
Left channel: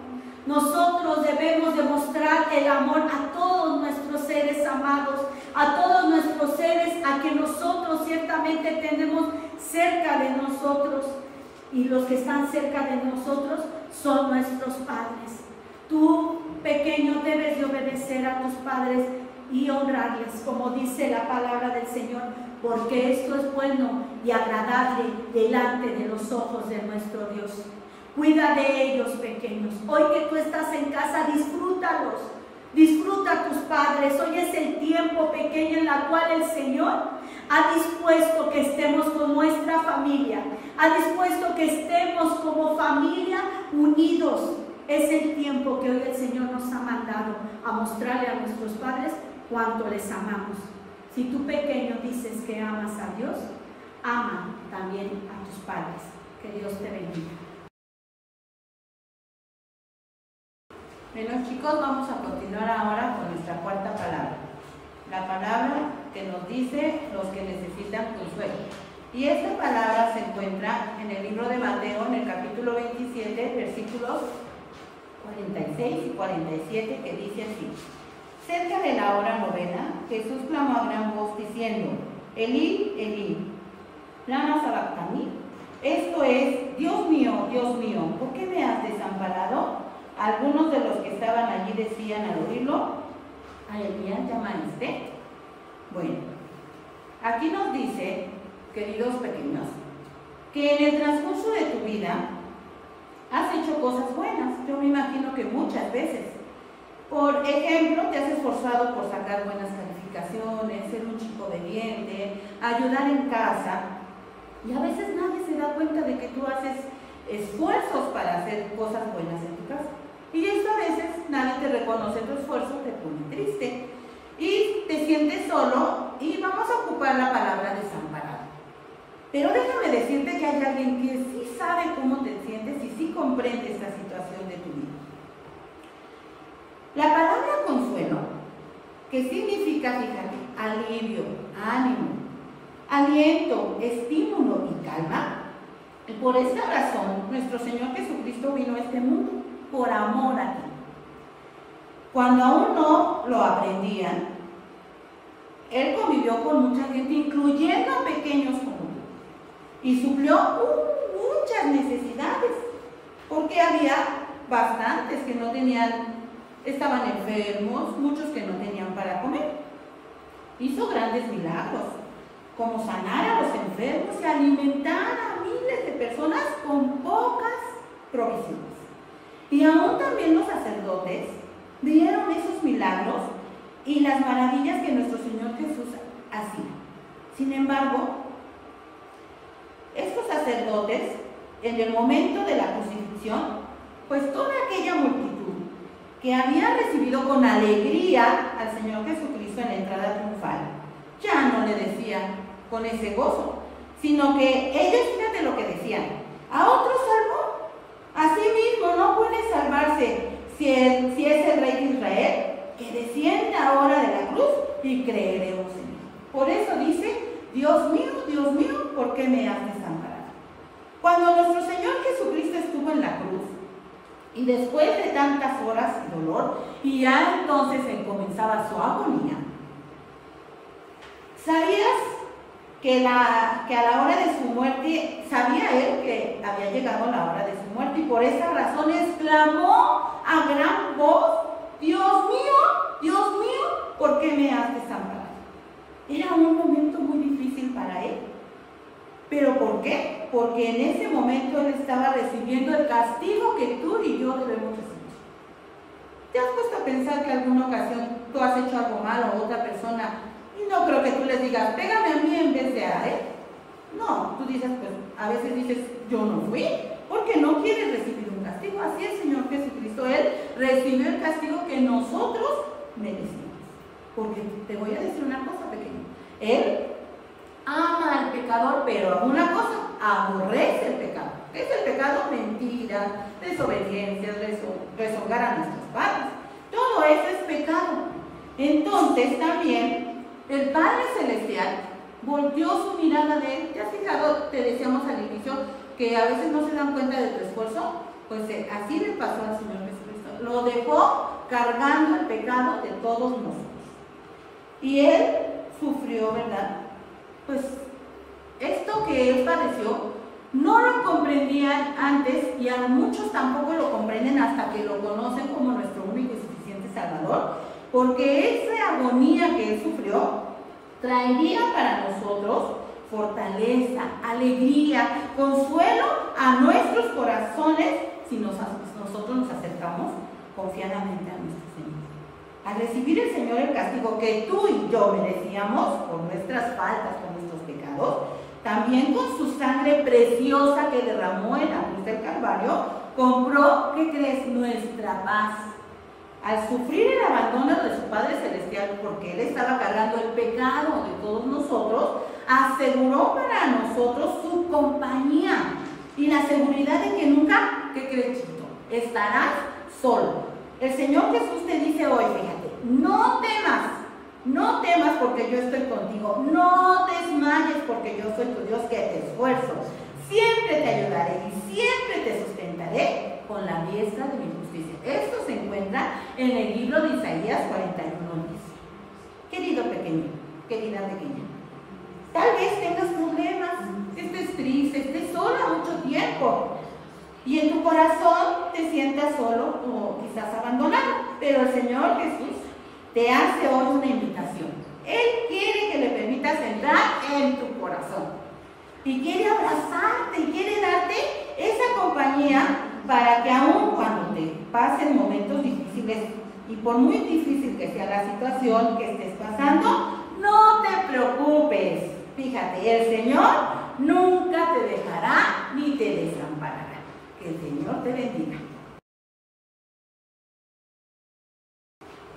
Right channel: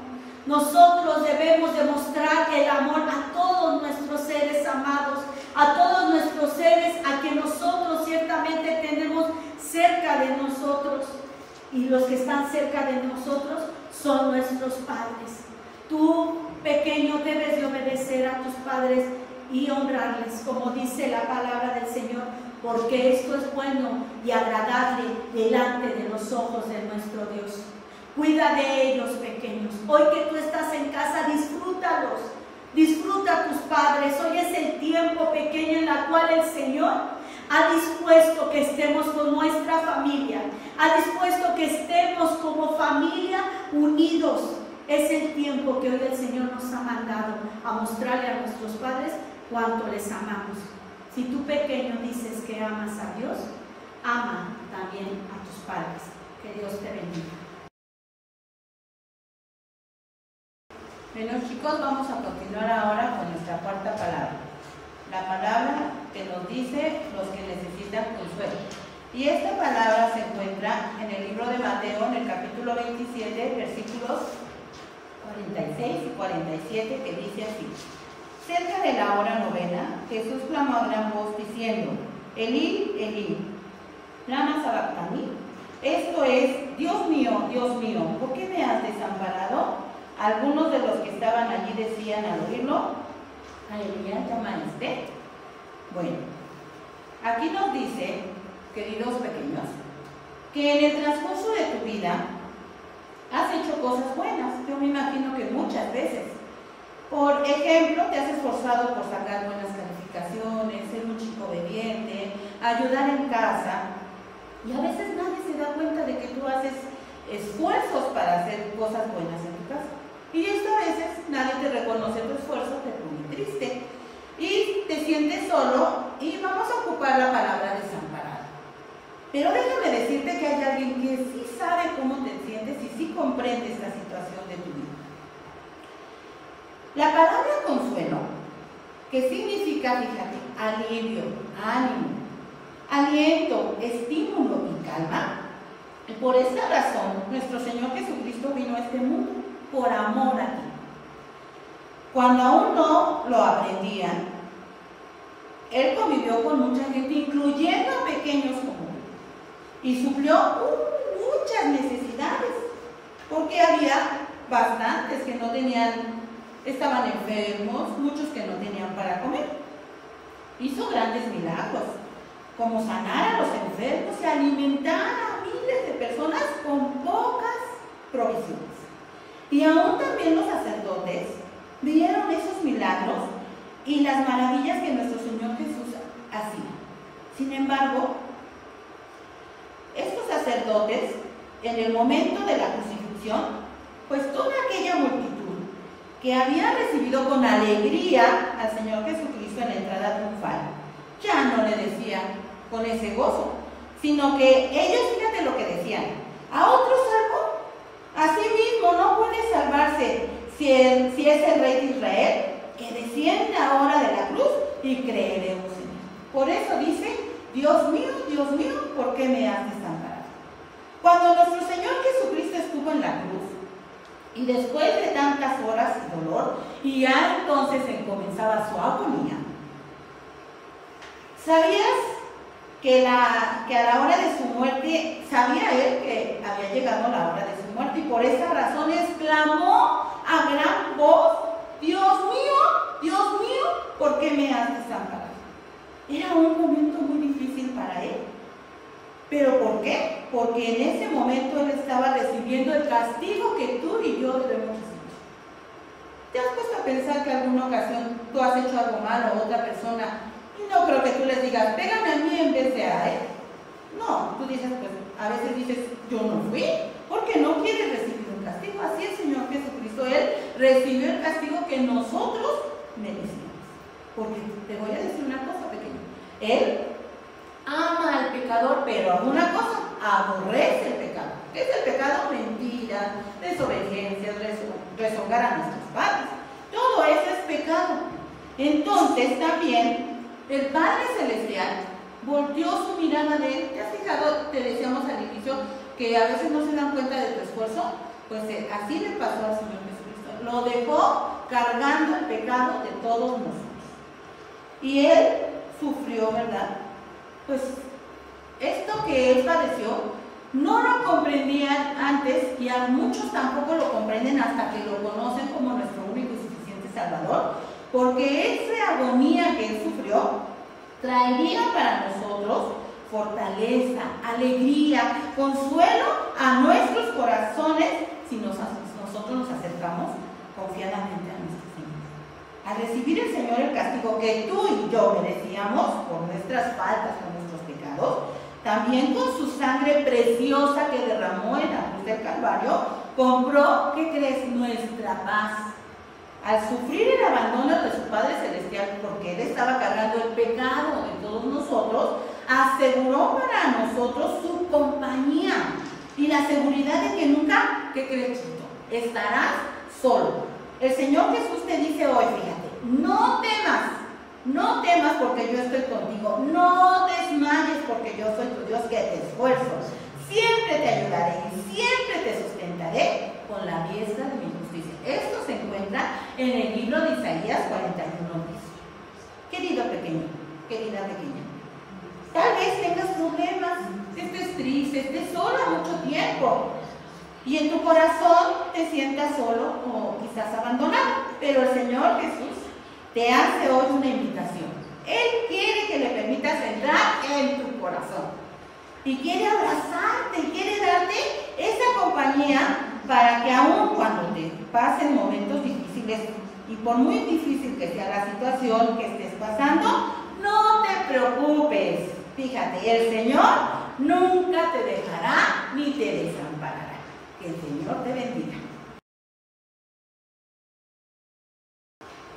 Nosotros debemos demostrar el amor a todos nuestros seres amados, a todos nuestros seres a quien nosotros ciertamente tenemos cerca de nosotros. Y los que están cerca de nosotros son nuestros padres. Tú, pequeño, debes de obedecer a tus padres y honrarles, como dice la palabra del Señor, porque esto es bueno y agradable delante de los ojos de nuestro Dios. Cuida de ellos, pequeños. Hoy que tú estás en casa, disfrútalos. Disfruta a tus padres. Hoy es el tiempo, pequeño, en la cual el Señor ha dispuesto que estemos con nuestra familia. Ha dispuesto que estemos como familia unidos. Es el tiempo que hoy el Señor nos ha mandado a mostrarle a nuestros padres cuánto les amamos. Si tú, pequeño, dices que amas a Dios, ama también a tus padres. Que Dios te bendiga. Bueno, chicos, vamos a continuar ahora con nuestra cuarta palabra. La palabra que nos dice los que necesitan consuelo. Y esta palabra se encuentra en el libro de Mateo, en el capítulo 27, versículos 46 y 47, que dice así. Cerca de la hora novena, Jesús clamó a gran voz diciendo, Elí, Elí, lama sabactani. Esto es, Dios mío, ¿por qué me has desamparado? Algunos de los que estaban allí decían al oírlo, a Elías llamaste. Bueno, aquí nos dice, queridos pequeños, que en el transcurso de tu vida has hecho cosas buenas. Yo me imagino que muchas veces. Por ejemplo, te has esforzado por sacar buenas calificaciones, ser un chico obediente, ayudar en casa. Y a veces nadie se da cuenta de que tú haces esfuerzos para hacer cosas buenas en tu casa. Y esto a veces nadie te reconoce tu esfuerzo, te pone triste. Y te sientes solo y vamos a ocupar la palabra desamparado. Pero déjame decirte que hay alguien que sí sabe cómo te sientes y sí comprende esta situación de tu vida. La palabra consuelo, que significa, fíjate, alivio, ánimo, aliento, estímulo y calma. Y por esta razón, nuestro Señor Jesucristo vino a este mundo, por amor a ti. Cuando aún no lo aprendían, Él convivió con mucha gente, incluyendo a pequeños como tú, y suplió muchas necesidades, porque había bastantes que no tenían, estaban enfermos, muchos que no tenían para comer. Hizo grandes milagros, como sanar a los enfermos y alimentar a miles de personas con pocas provisiones. Y aún también los sacerdotes vieron esos milagros y las maravillas que nuestro Señor Jesús hacía. Sin embargo, estos sacerdotes, en el momento de la crucifixión, pues toda aquella multitud que había recibido con alegría al Señor Jesucristo en la entrada triunfal, ya no le decían con ese gozo, sino que ellos, fíjate lo que decían: a otro salvó, a sí mismo no puede salvarse si es el Rey de Israel, que desciende ahora de la cruz y creeremos en él. Por eso dice: Dios mío, ¿por qué me has desamparado? Cuando nuestro Señor Jesucristo estuvo en la cruz, y después de tantas horas de dolor, y ya entonces comenzaba su agonía, ¿sabías que a la hora de su muerte, sabía él que había llegado la hora de su muerte, y por esa razón exclamó a gran voz: Dios mío, ¿por qué me has desamparado? Era un momento muy difícil para él. ¿Pero por qué? Porque en ese momento él estaba recibiendo el castigo que tú y yo debemos recibir. ¿Te has puesto a pensar que alguna ocasión tú has hecho algo malo a otra persona y no creo que tú les digas: pégame a mí en vez de a él? No, tú dices, pues a veces dices: yo no fui, porque no quieres recibir un castigo. Así el Señor Jesucristo, él recibió el castigo que nosotros merecíamos. Porque te voy a decir una cosa, pequeño: él ama al pecador, pero alguna cosa: aborrece el pecado. ¿Qué es el pecado? Mentira, desobediencia, rezongar a nuestros padres. Todo eso es pecado. Entonces también el Padre Celestial volteó su mirada de él. ¿Te has fijado? Te decíamos al inicio que a veces no se dan cuenta de tu esfuerzo. Pues así le pasó al Señor Jesucristo. Lo dejó cargando el pecado de todos nosotros. Y él sufrió, ¿verdad? Pues esto que él padeció no lo comprendían antes, y a muchos tampoco lo comprenden hasta que lo conocen como nuestro único y suficiente Salvador, porque esa agonía que él sufrió traería para nosotros fortaleza, alegría, consuelo a nuestros corazones si nosotros nos acercamos confiadamente a nuestro Señor. Al recibir el Señor el castigo que tú y yo merecíamos por nuestras faltas, por nuestros pecados, también con su sangre preciosa que derramó en la cruz del Calvario, compró, ¿qué crees?, nuestra paz. Al sufrir el abandono de su Padre Celestial, porque Él estaba cargando el pecado de todos nosotros, aseguró para nosotros su compañía y la seguridad de que nunca, ¿qué crees, chiquito?, estarás solo. El Señor Jesús te dice hoy, fíjate: no temas porque yo estoy contigo, no desmayes porque yo soy tu Dios que te esfuerzo, siempre te ayudaré y siempre te sustentaré con la diestra de mi justicia. Esto se encuentra en el libro de Isaías 41:10. Querido pequeño, querida pequeña, tal vez tengas problemas, estés triste, estés sola mucho tiempo, y en tu corazón te sientas solo o quizás abandonado, pero el Señor Jesús te hace hoy una invitación. Él quiere que le permitas entrar en tu corazón y quiere abrazarte y quiere darte esa compañía para que aun cuando te pasen momentos difíciles, y por muy difícil que sea la situación que estés pasando, no te preocupes. Fíjate, el Señor nunca te dejará ni te desamparará. Que el Señor te bendiga.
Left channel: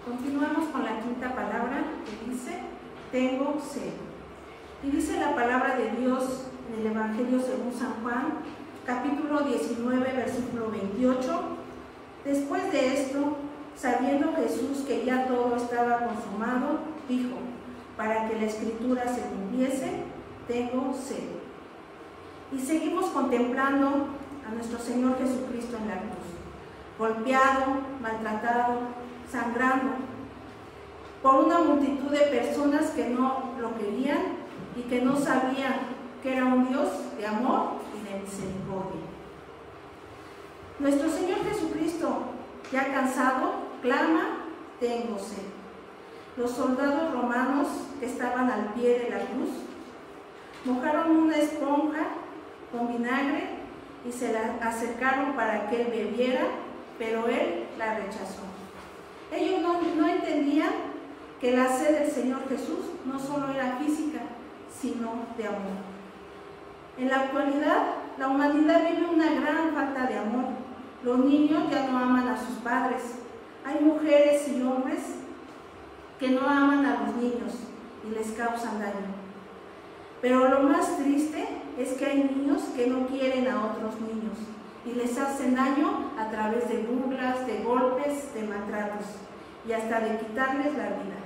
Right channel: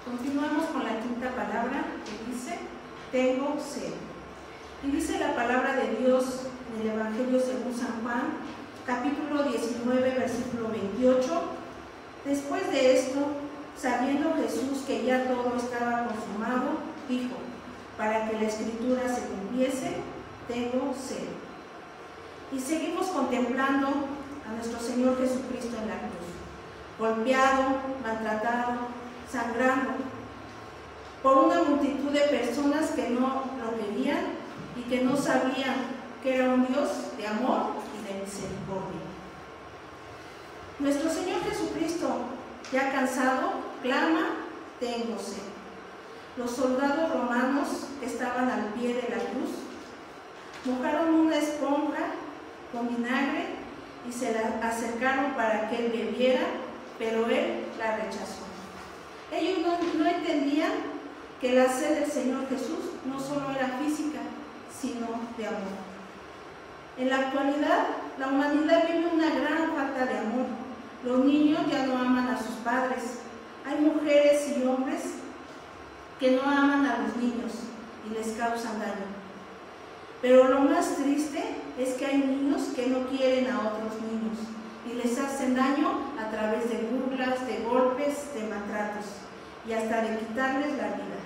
Continuamos con la quinta palabra, que dice: tengo sed. Y dice la palabra de Dios en el Evangelio según San Juan, capítulo 19, versículo 28. Después de esto, sabiendo Jesús que ya todo estaba consumado, dijo: para que la Escritura se cumpliese, tengo sed. Y seguimos contemplando a nuestro Señor Jesucristo en la cruz, golpeado, maltratado, sangrando, por una multitud de personas que no lo querían y que no sabían que era un Dios de amor y de misericordia. Nuestro Señor Jesucristo, ya cansado, clama: tengo sed. Los soldados romanos que estaban al pie de la cruz mojaron una esponja con vinagre y se la acercaron para que él bebiera, pero él la rechazó. Ellos no entendían que la sed del Señor Jesús no solo era física, sino de amor. En la actualidad, la humanidad vive una gran falta de amor. Los niños ya no aman a sus padres. Hay mujeres y hombres que no aman a los niños y les causan daño. Pero lo más triste es que hay niños que no quieren a otros niños y les hacen daño a través de burlas, de golpes, de maltratos y hasta de quitarles la vida.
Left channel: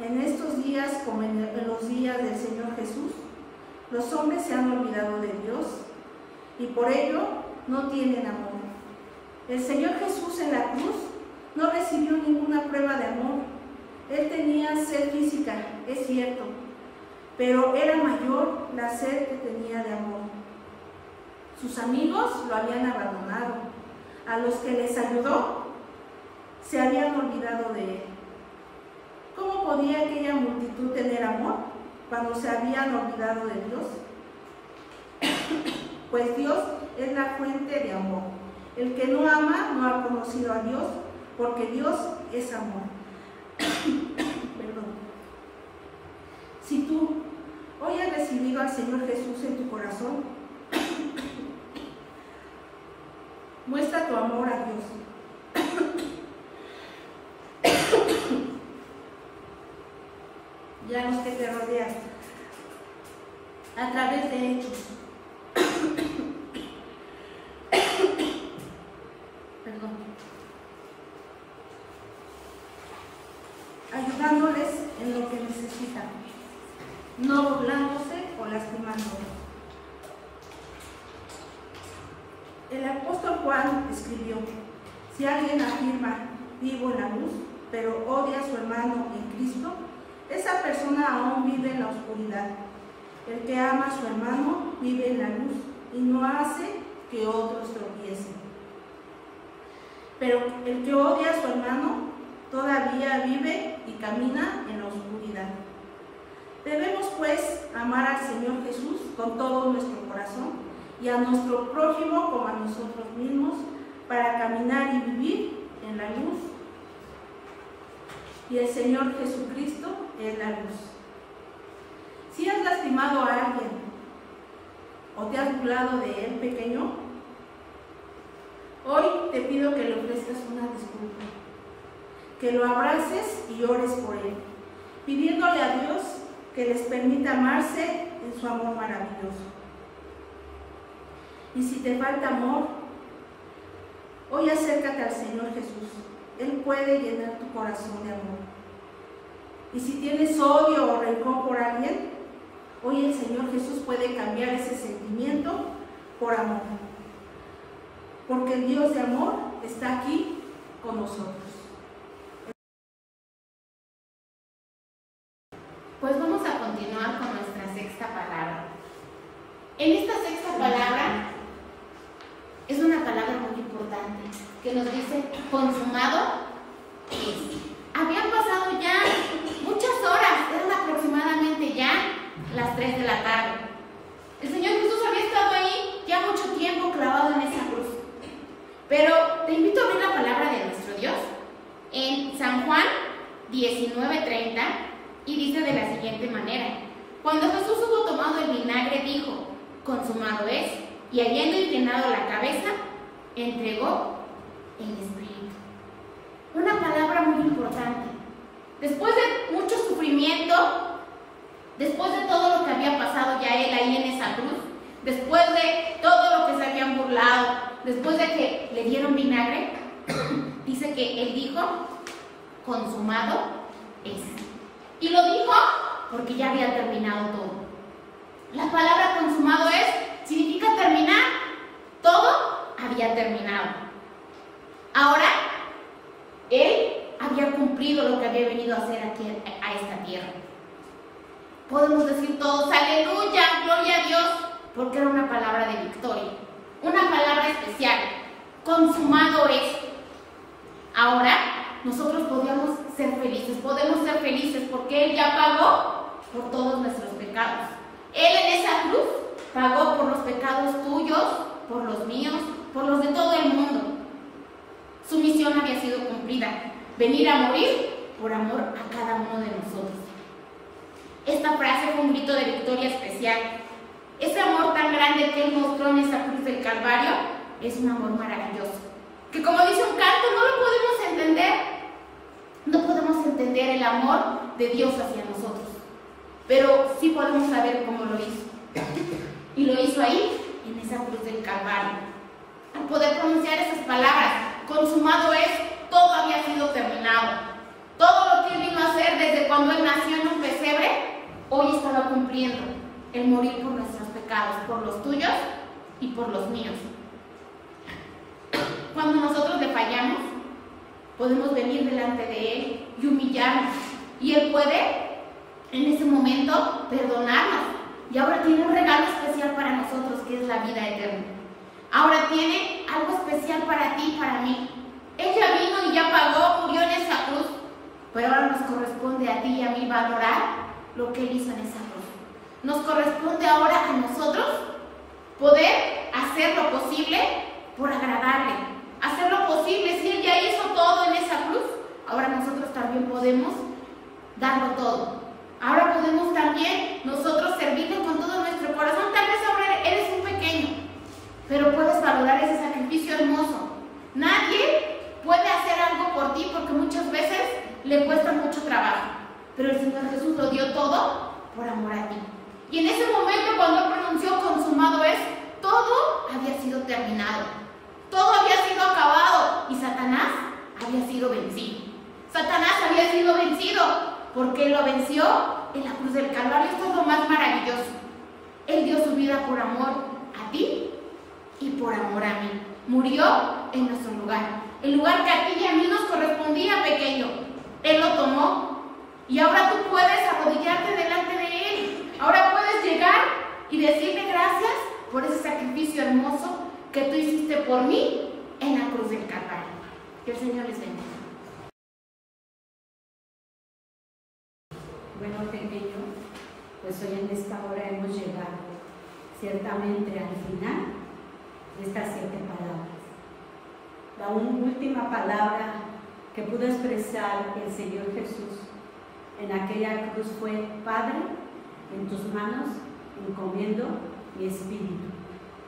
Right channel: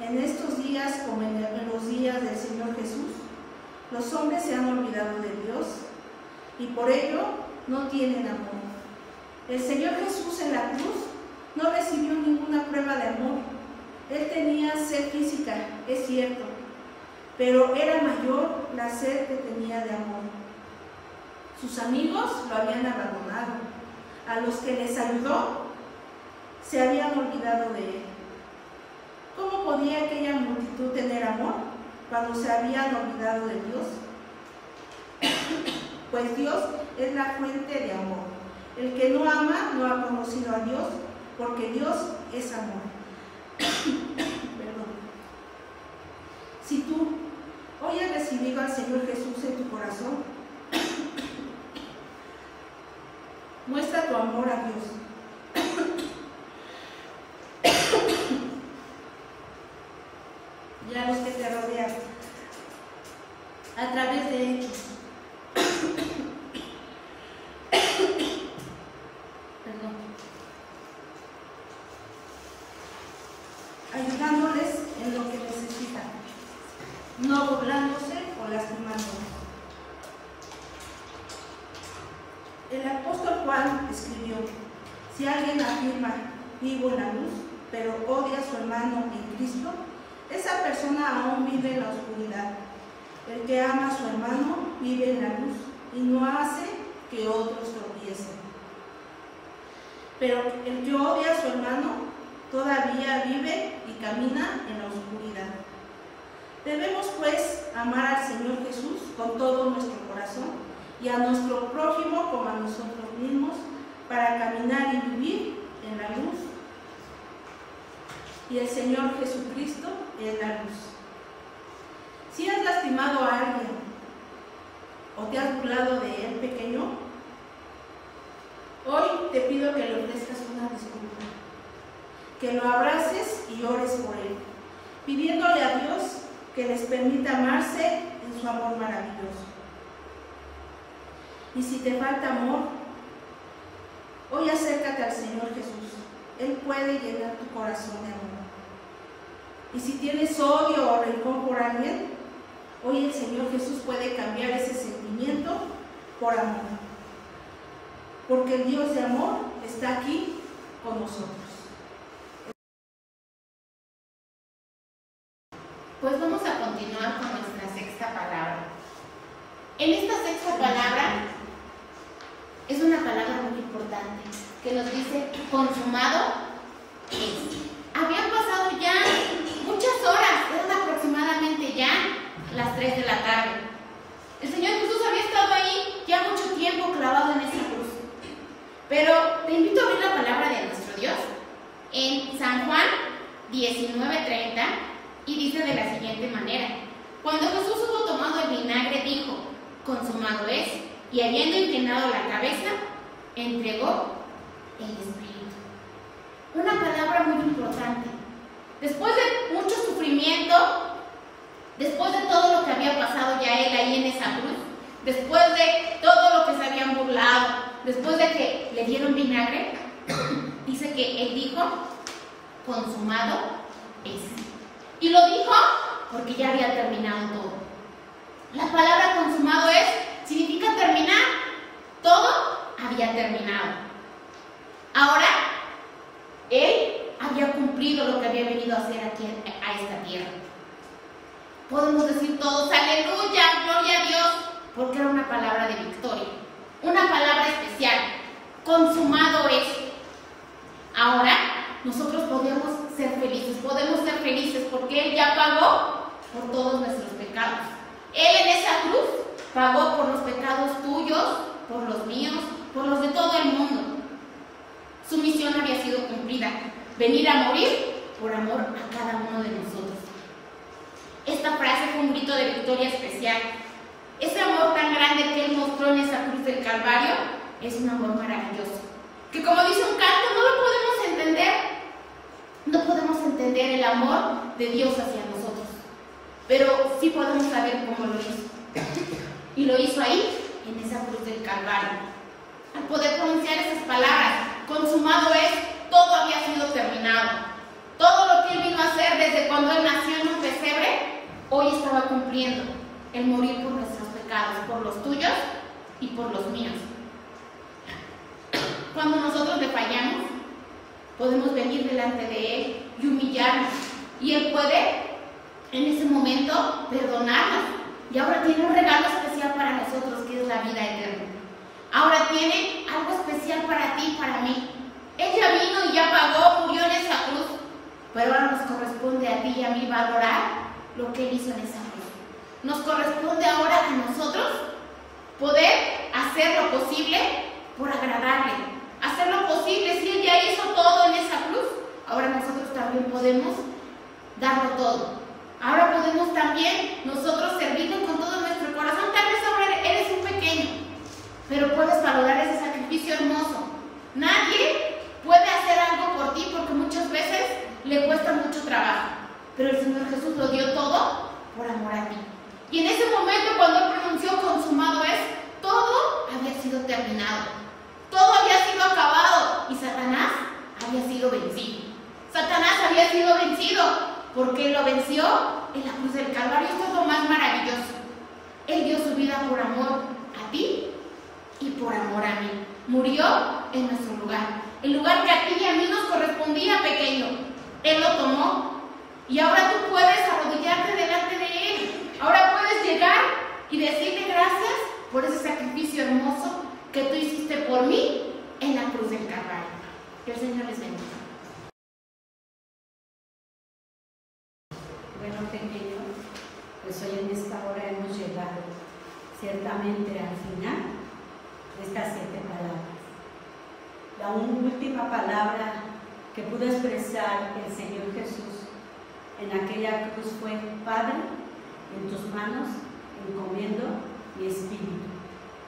En estos días, como en los días del Señor Jesús, los hombres se han olvidado de Dios y por ello no tienen amor. El Señor Jesús en la cruz no recibió ninguna prueba de amor. Él tenía sed física, es cierto, pero era mayor la sed que tenía de amor. Sus amigos lo habían abandonado. A los que les ayudó, se habían olvidado de él. ¿Cómo podía aquella multitud tener amor cuando se habían olvidado de Dios? Pues Dios es la fuente de amor. El que no ama no ha conocido a Dios, porque Dios es amor. Perdón. Si tú hoy has recibido al Señor Jesús en tu corazón, muestra tu amor a Dios. Y a los que te rodean, a través de hechos. Perdón. Ayudándoles en lo que necesitan, no burlándose o lastimándolos. El apóstol Juan escribió: si alguien afirma vivo en la luz, pero odia a su hermano en Cristo, esa persona aún vive en la oscuridad. El que ama a su hermano vive en la luz y no hace que otros tropiecen. Pero el que odia a su hermano todavía vive y camina en la oscuridad. Debemos pues amar al Señor Jesús con todo nuestro corazón y a nuestro prójimo como a nosotros mismos, para caminar y vivir en la luz. Y el Señor Jesucristo es la luz. Si has lastimado a alguien o te has burlado de él, pequeño, hoy te pido que le ofrezcas una disculpa, que lo abraces y ores por él, pidiéndole a Dios que les permita amarse en su amor maravilloso. Y si te falta amor, hoy acércate al Señor Jesús. Él puede llenar tu corazón de amor. Y si tienes odio o rencor por alguien, hoy el Señor Jesús puede cambiar ese sentimiento por amor. Porque el Dios de amor está aquí con nosotros. Pues vamos a continuar con nuestra sexta palabra. En esta sexta palabra es una palabra muy importante que nos dice consumado es. Habían pasado ya muchas horas, eran aproximadamente ya las 3 de la tarde. El Señor Jesús había estado ahí ya mucho tiempo clavado en esa cruz. Pero te invito a abrir la palabra de nuestro Dios en San Juan 19:30 y dice de la siguiente manera: cuando Jesús hubo tomado el vinagre, dijo, consumado es, y habiendo inclinado la cabeza, entregó el Espíritu. Una palabra muy importante. Después de mucho sufrimiento, después de todo lo que había pasado ya él ahí en esa cruz, después de todo lo que se habían burlado, después de que le dieron vinagre, dice que él dijo, consumado es. Y lo dijo porque ya había terminado todo. La palabra consumado es significa terminar. Todo había terminado. Ahora, él había cumplido lo que había venido a hacer aquí a esta tierra. Podemos decir todos, aleluya, gloria a Dios, porque era una palabra de victoria, una palabra especial, consumado es. Ahora, nosotros podemos ser felices porque Él ya pagó por todos nuestros pecados. Él en esa cruz pagó por los pecados tuyos, por los míos, por los de todo el mundo. Su misión había sido cumplida, venir a morir por amor a cada uno de nosotros. esta frase fue un grito de victoria especial. Ese amor tan grande que Él mostró en esa cruz del Calvario es un amor maravilloso, que como dice un canto, no lo podemos entender. No podemos entender el amor de Dios hacia nosotros, pero sí podemos saber cómo lo hizo. Y lo hizo ahí, en esa cruz del Calvario. Al poder pronunciar esas palabras, consumado es, todo había sido terminado. Todo lo que Él vino a hacer desde cuando Él nació en un pesebre, hoy estaba cumpliendo. El morir por nuestros pecados, por los tuyos y por los míos. Cuando nosotros le fallamos, podemos venir delante de Él y humillarnos. Y Él puede, en ese momento, perdonarnos. Y ahora tiene un regalo especial para nosotros, que es la vida eterna. Ahora tiene algo especial para ti y para mí. Él ya vino y ya pagó, murió en esa cruz. Pero ahora nos corresponde a ti y a mí valorar lo que Él hizo en esa cruz. Nos corresponde ahora a nosotros poder hacer lo posible por agradarle. Hacer lo posible, si Él ya hizo todo en esa cruz, ahora nosotros también podemos darlo todo. Ahora podemos también nosotros servirle con todo nuestro corazón. Tal vez ahora eres un pequeño, pero puedes valorar ese sacrificio hermoso. Nadie puede hacer algo por ti porque muchas veces le cuesta mucho trabajo, pero el Señor Jesús lo dio todo por amor a ti. Y en ese momento, cuando Él pronunció consumado es, todo había sido terminado, todo había sido acabado y Satanás había sido vencido. Satanás había sido vencido porque Él lo venció en la cruz del Calvario. Esto es lo más maravilloso. Él dio su vida por amor a ti y por amor a mí. Murió en nuestro lugar, el lugar que a ti y a mí nos correspondía, pequeño. Él lo tomó y ahora tú puedes arrodillarte delante de Él. Ahora puedes llegar y decirle gracias por ese sacrificio hermoso que tú hiciste por mí en la cruz del Calvario. Que el Señor les bendiga. Bueno, pequeño, pues hoy en esta hora hemos llegado ciertamente al final de estas 7 palabras. La última palabra que pudo expresar el Señor Jesús en aquella cruz fue: Padre, en tus manos encomiendo mi espíritu.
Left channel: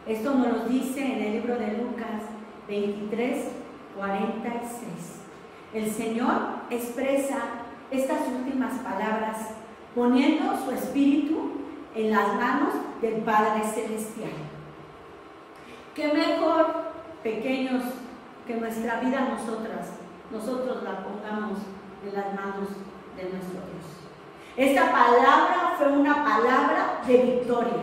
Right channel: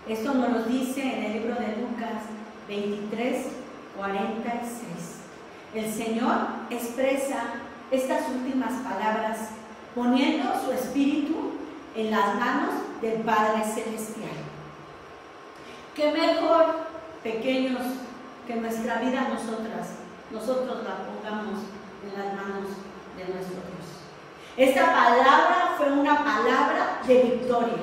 Esto nos lo dice en el libro de Lucas 23, 46. El Señor expresa estas últimas palabras poniendo su espíritu en las manos del Padre Celestial. ¿Qué mejor, pequeños, que nuestra vida nosotros la pongamos en las manos de nuestro Dios? Esta palabra fue una palabra de victoria.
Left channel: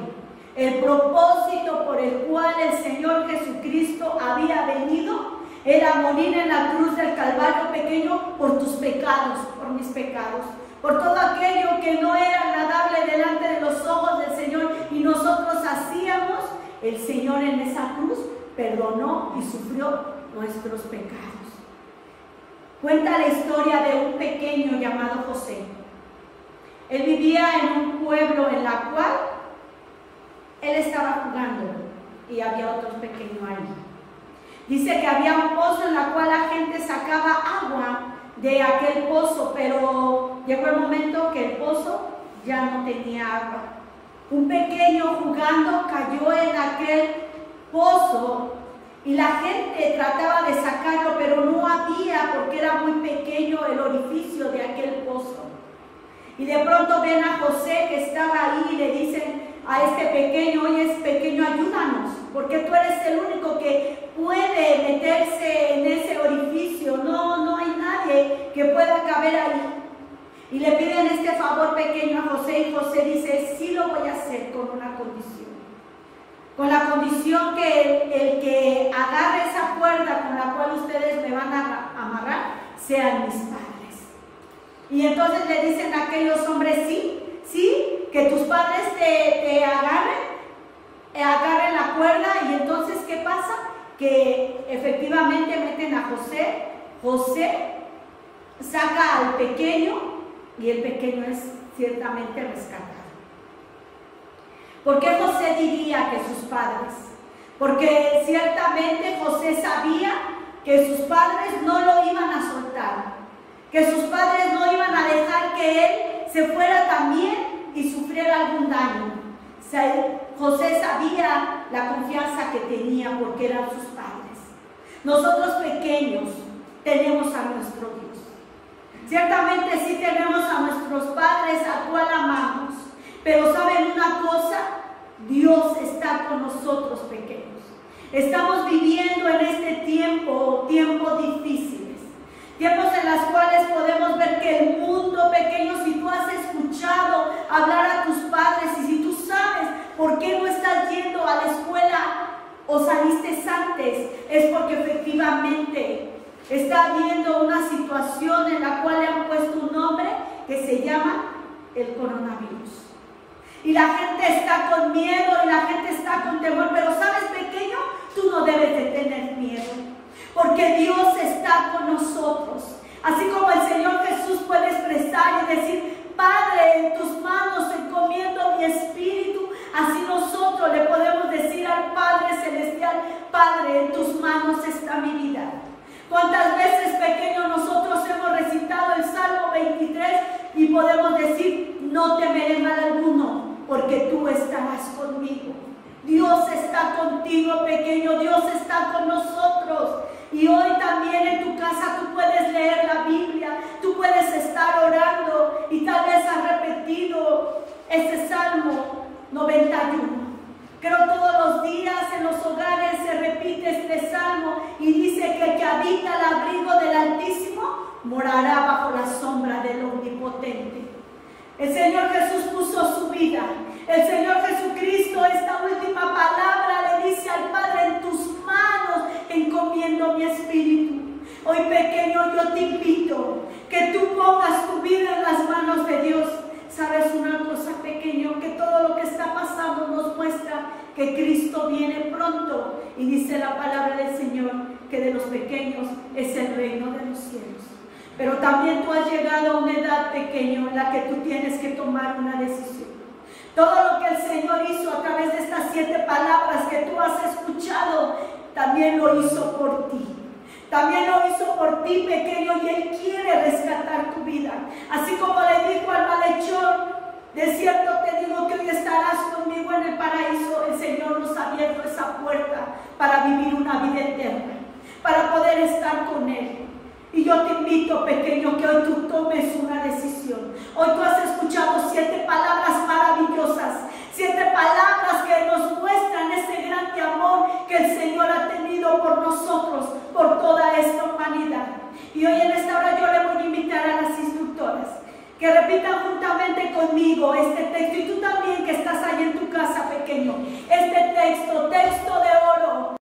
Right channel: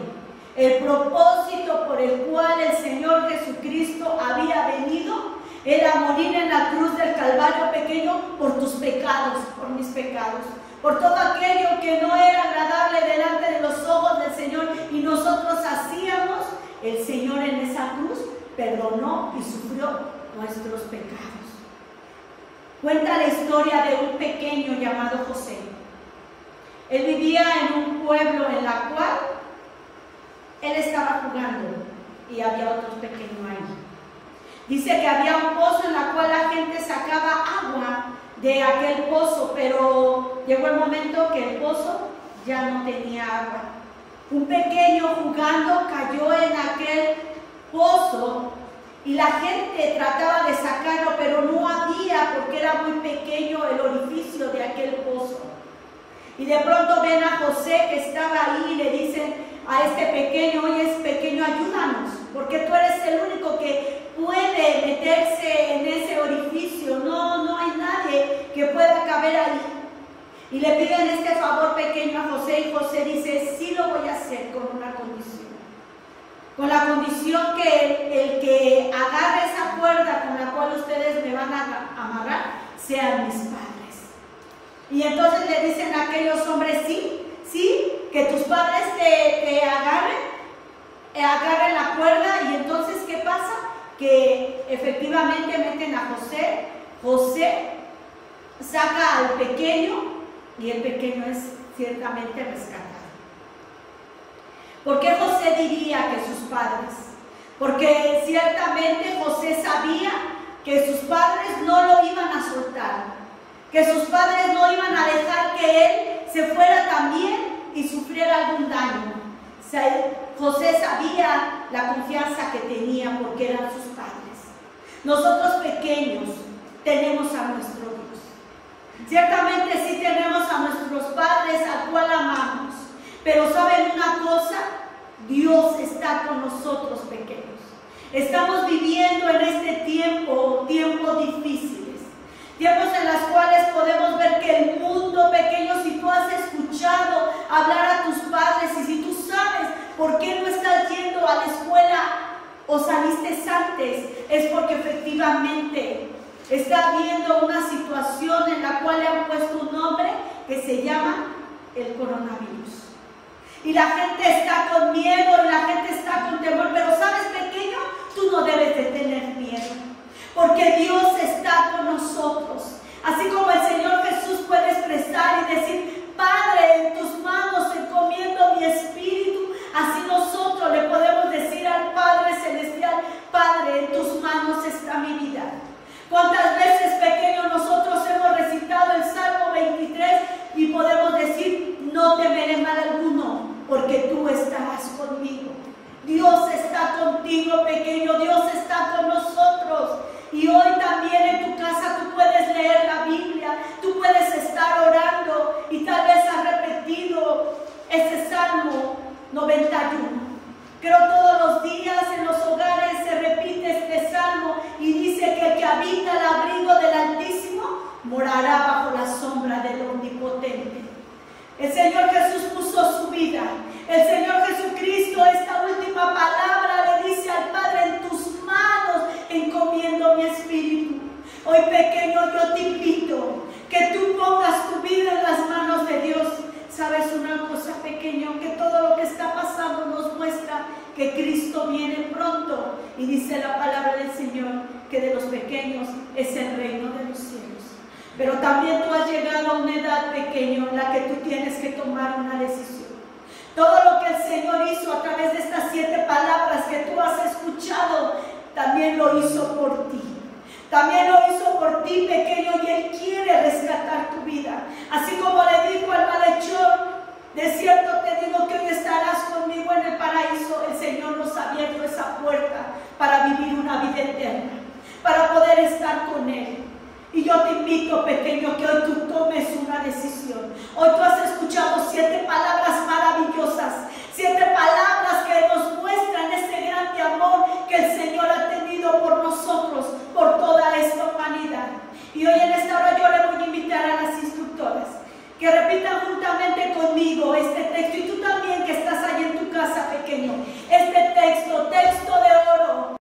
El propósito por el cual el Señor Jesucristo había venido era morir en la cruz del Calvario, pequeño, por tus pecados, por mis pecados, por todo aquello que no era agradable delante de los ojos del Señor y nosotros hacíamos. El Señor en esa cruz perdonó y sufrió nuestros pecados. Cuenta la historia de un pequeño llamado José. Él vivía en un pueblo en la cual él estaba jugando y había otros pequeños ahí. Dice que había un pozo en la cual la gente sacaba agua de aquel pozo, pero llegó el momento que el pozo ya no tenía agua. Un pequeño jugando cayó en aquel pozo y la gente trataba de sacarlo, pero no había porque era muy pequeño el orificio de aquel pozo. Y de pronto ven a José que estaba ahí y le dicen a este pequeño: oye, es pequeño, ayúdanos, porque tú eres el único que puede meterse en ese orificio, no hay nadie que pueda caber ahí. Y le piden este favor pequeño a José y José dice: sí lo voy a hacer con una condición. Con la condición que el que agarre esa cuerda con la cual ustedes me van a amarrar sean mis padres. Y entonces le dicen a aquellos hombres: sí, que tus padres te agarren la cuerda. Y entonces, ¿qué pasa? Que efectivamente meten a José. José saca al pequeño y el pequeño es ciertamente rescatado. ¿Por qué José diría que sus padres? Porque ciertamente José sabía que sus padres no lo iban a soltar, que sus padres no iban a dejar que él se fuera también y sufriera algún daño, José sabía la confianza que tenía porque eran sus padres. Nosotros pequeños tenemos a nuestro Dios. Ciertamente sí tenemos a nuestros padres al cual amamos, pero ¿saben una cosa? Dios está con nosotros pequeños. Estamos viviendo en este tiempos difíciles, tiempos en los cuales podemos ver que el mundo pequeño, si tú has escuchado hablar a tus padres y si tú sabes por qué no estás yendo a la escuela o saliste antes, es porque efectivamente está habiendo una situación en la cual le han puesto un nombre que se llama el coronavirus. Y la gente está con miedo, y la gente está con temor, pero ¿sabes, pequeño? Tú no debes de tener miedo, porque Dios está con nosotros. Así como el Señor Jesús puede expresar y decir, Padre, en tus manos encomiendo mi espíritu, así nosotros le podemos decir al Padre Celestial, Padre, en tus manos está mi vida. ¿Cuántas veces, pequeños, nosotros hemos recitado el Salmo 23 y podemos decir, no temeré mal alguno, porque tú estarás conmigo? Dios está contigo, pequeño, Dios está con nosotros. Y hoy también en tu casa tú puedes leer la Biblia, tú puedes estar orando y tal vez has repetido este Salmo 91. Creo todos los días en los hogares se repite este salmo y dice que el que habita el abrigo del Altísimo morará bajo la sombra del Omnipotente. El Señor Jesús puso su vida. El Señor Jesucristo, esta última palabra le dice al Padre, en tus manos encomiendo mi espíritu. Hoy, pequeño, yo te invito que tú pongas tu vida en las manos de Dios. ¿Sabes una cosa, pequeño? Que todo lo que está pasando nos muestra que Cristo viene pronto. Y dice la palabra del Señor que de los pequeños es el reino de los cielos. Pero también tú has llegado a una edad, pequeño, en la que tú tienes que tomar una decisión. Todo lo que el Señor hizo a través de estas 7 palabras que tú has escuchado, también lo hizo por ti. También lo hizo por ti, pequeño, y Él quiere rescatar tu vida. Así como le dijo al malhechor, de cierto te digo que hoy estarás conmigo en el paraíso. El Señor nos ha abierto esa puerta para vivir una vida eterna, para poder estar con Él. Y yo te invito, pequeño, que hoy tú tomes una decisión. Hoy tú has escuchado 7 palabras maravillosas, 7 palabras que nos muestran ese grande amor que el Señor ha tenido por nosotros, por toda esta humanidad. Y hoy en esta hora yo le voy a invitar a las instructoras que repitan juntamente conmigo este texto. Y tú también que estás ahí en tu casa, pequeño, este texto, texto de oro.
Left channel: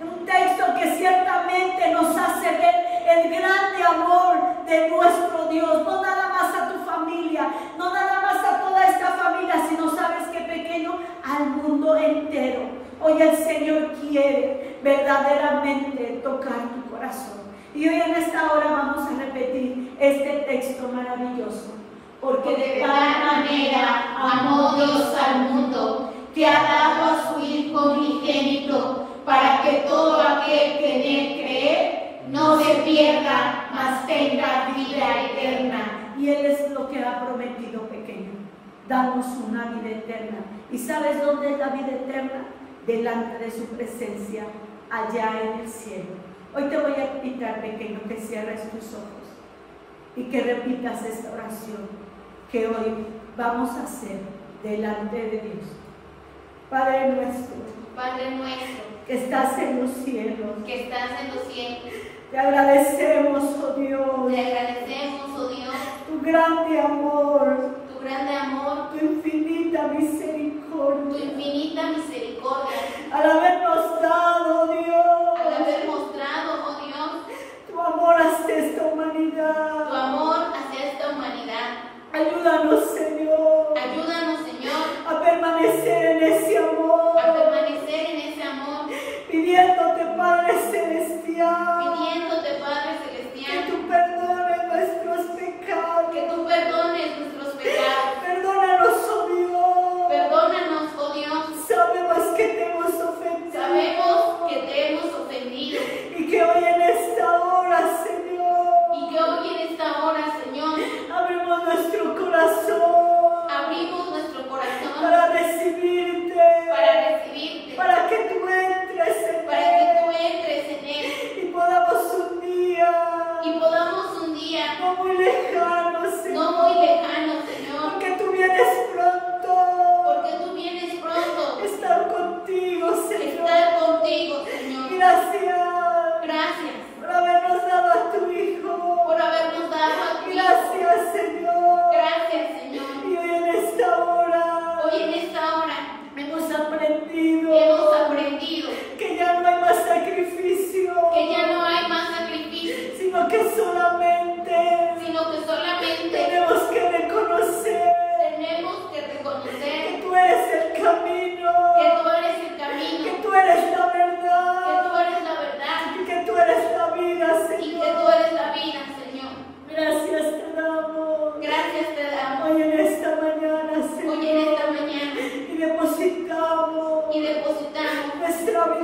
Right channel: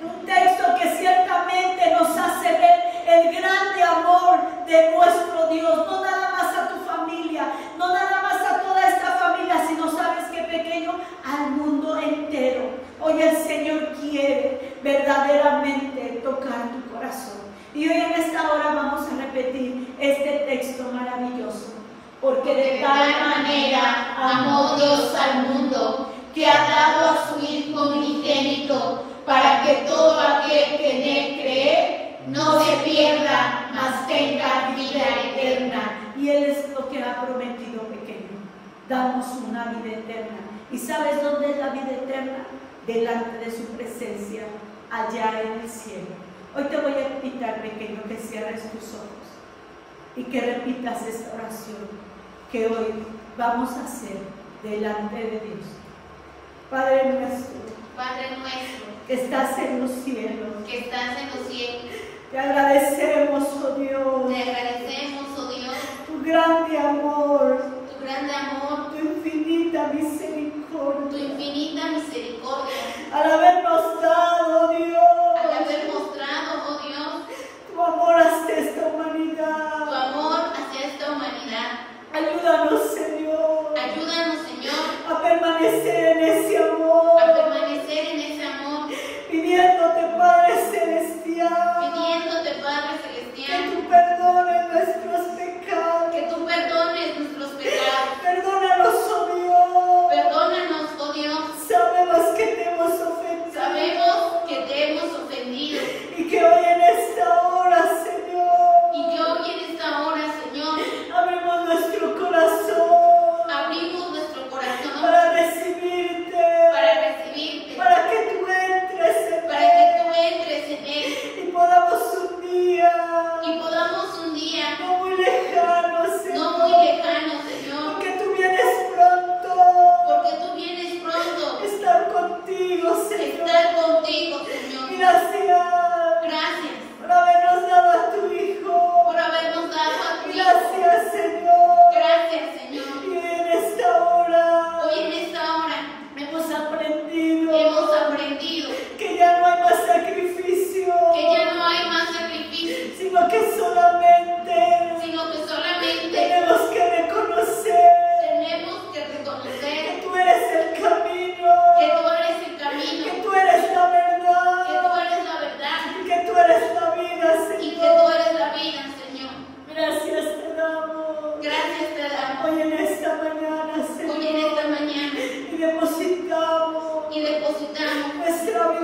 Un texto que ciertamente nos hace ver el grande amor de nuestro Dios, no nada más a tu familia, no nada más a toda esta familia, sino sabes que, pequeño, al mundo entero. Hoy el Señor quiere verdaderamente tocar tu corazón. Y hoy en esta hora vamos a repetir este texto maravilloso. Porque de tal manera amó Dios al mundo, que ha dado a su Hijo unigénito, para que todo aquel que en Él cree no se pierda, mas tenga vida eterna. Y Él es lo que ha prometido, pequeño, darnos una vida eterna. ¿Y sabes dónde es la vida eterna? Delante de su presencia, allá en el cielo. Hoy te voy a invitar, pequeño, que cierres tus ojos y que repitas esta oración que hoy vamos a hacer delante de Dios. Padre nuestro, que estás en los cielos, te agradecemos, oh Dios, tu grande amor, tu infinita misericordia, al habernos dado, Dios, tu amor hacia esta humanidad. Ayúdanos, Señor, a permanecer en ese amor, pidiéndote, Padre Celestial, que tú perdones nuestros pecados. Perdónanos, oh Dios. Sabemos que te hemos ofendido. Y que hoy en esta hora, Señor,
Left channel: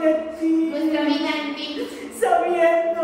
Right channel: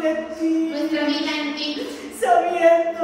de ti, nuestra vida en ti, sabiendo